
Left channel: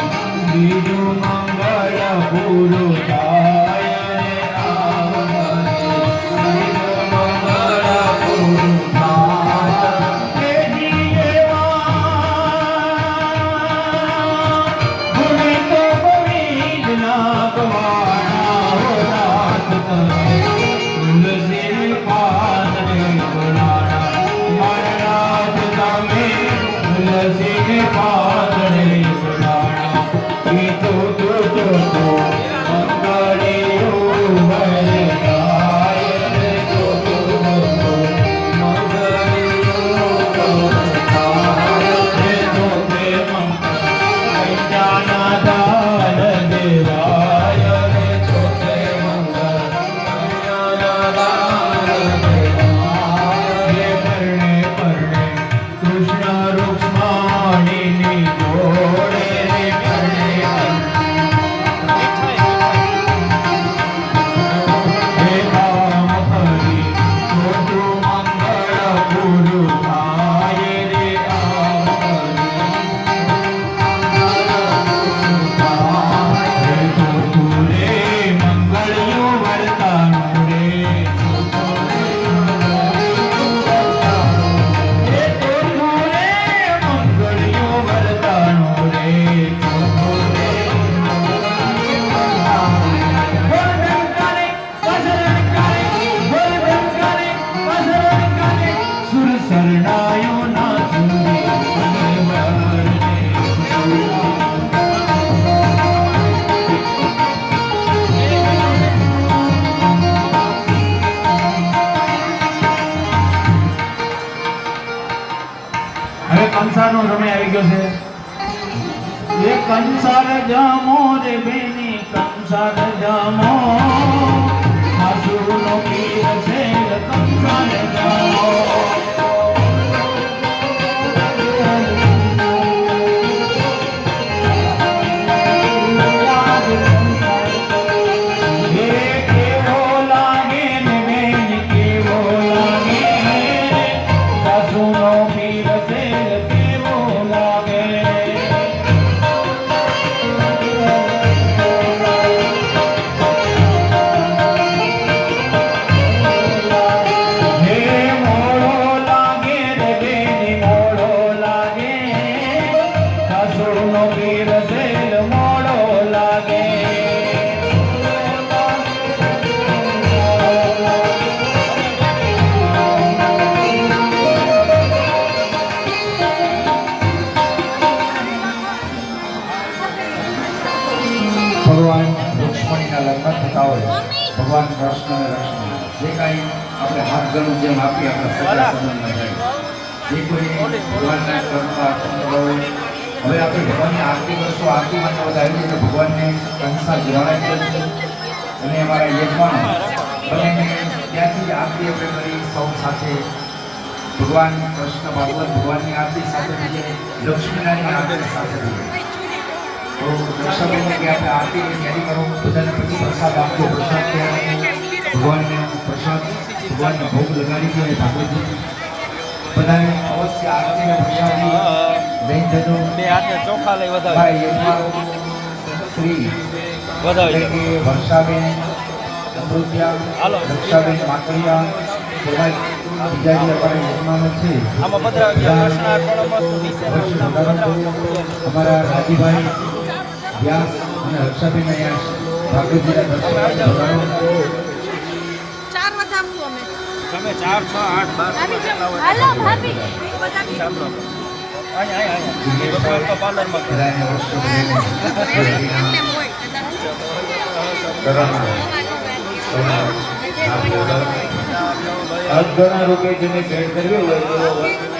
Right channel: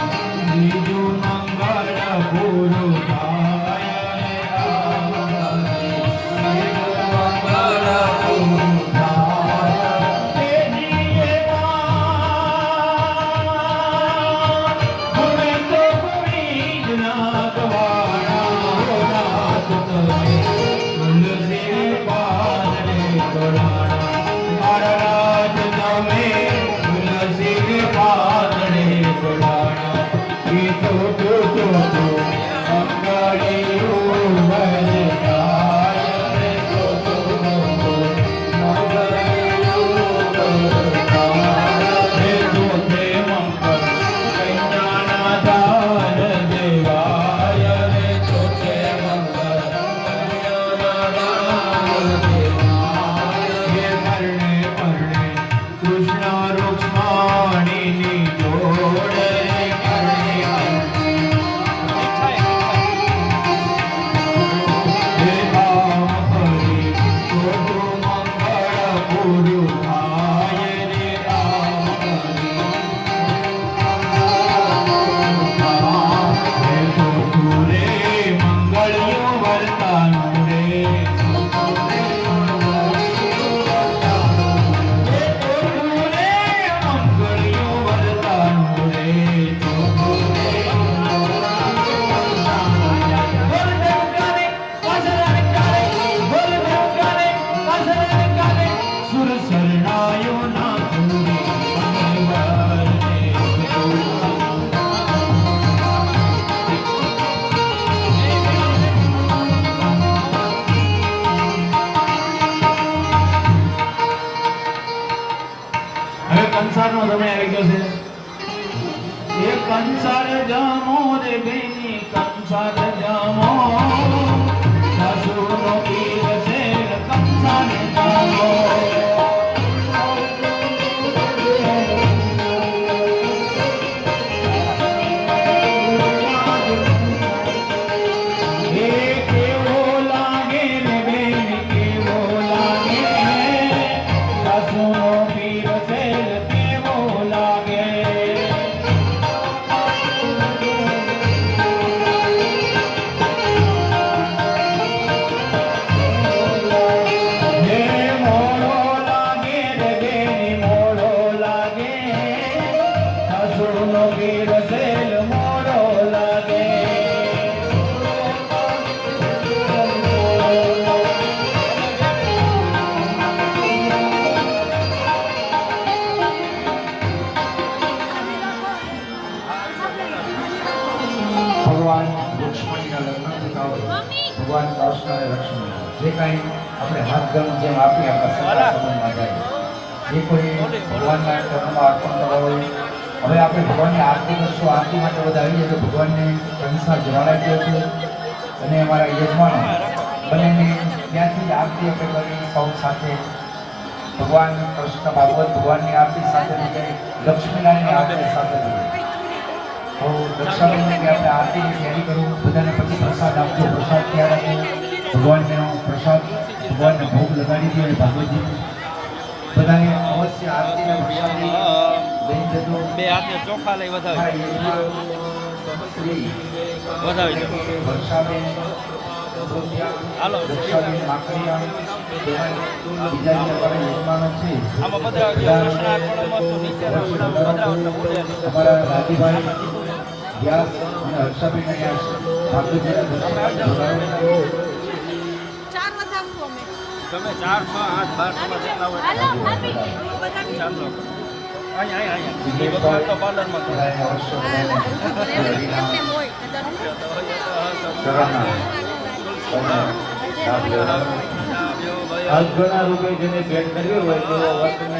બીજું મંગળ પૂરું થાય રે. આમ કરી બીજું મંગળ પૂરું થાય. તેજીએ ગુણે તો ગોવિંદ ના ગવાના હો નાથ કરે. તુલસી પાદરે ગણાણા મહારાજ તમે. તુલસી પાદરે ગણાણા એ તો મંગળીયું વરદાય રે. મંગળીયું વરદાય રે. ચોથે મંગળ કન્યાના દાન દેવાય રે. ચોથે મંગળ કન્યાના દાન દેવાય રે. પરણે પરણે કૃષ્ણ રૂક્ષ્મણીની જોડે રે. પરણે હે આમ કરી ચોથું મંગળ પૂરું થાય રે. આમ કરી હે ચોથું રે મંગળીયું વરદાનું રે. હે ચોથું રે મંગળીયું વરદાનું રે. ચોથું રે સુર શરણાયો ના સુરી હવે કંસારનો સમય આવી ગયો છે. એ કંસાર જામો રે બેની કંસાર જામો. સાસુનો પીર છે કંસાર જામો. વીર સેલ મોડો લાગે ભગવાન રુક્ષ્મણીના લગ્ન થતા હોય ભગવાન કૃષ્ણને રક્ષણ જે કાંઈ આપણે હાથ ગણું જેમ આપીએ આપણા સગા સંબંધમાં જાય જે કોઈ ભગવાનના કર્મમાં અર્પણ કરવા હોય હવે આપણે ભગવાનની આરતી કરશું આરતીમાં તો બધા આવી જાય તો ભગવાનને અનુસાર જણાય છે અને અમારા યજમાનો બંનેને ત્યાંથી આરતી આપણે કરી સૌ સાથે ભગવાન કૃષ્ણ ભાગવત ભગવાનની આરતી સાથે લક્ષ્મીનારાયણની આરતી સાથે આરતી તૈયારી કરો બધાને પછી પ્રસાદ આપજો પ્રસાદ ક્યારે ભગવાનને પ્રસાદ ભગવાનને ભોગ લગાડી દે ભાગવતજી બધાએ અવશ્ય આરતી લઈ જજો બે હાથે ચોખા લઈ ભાઈ વધાવી શ્રી વધાવી કે વર્ષાબેન અમૃતિયા હાલો. રક્ષાબેન માકડિયા બધા બીજા જે અમારા મહેમાનો છે આમાં પધરાવજો કૃષ્ણ અર્પણમસ્તુ નીચેના ઓલામાં પધરાવજો પૂજન અમારા દાદીભાઈ વ્યાસ અને હર્ષાબેન અહીંયા ભાગવતજીના દર્શન ભગવાન ચાર વધારશું અમે તમે 4 6 8 12 ભગવાન તો પાર્લરમાં કરે. અજગણા રૂપે જેને ભેટ કર્યું હોય તેઓ વર્તને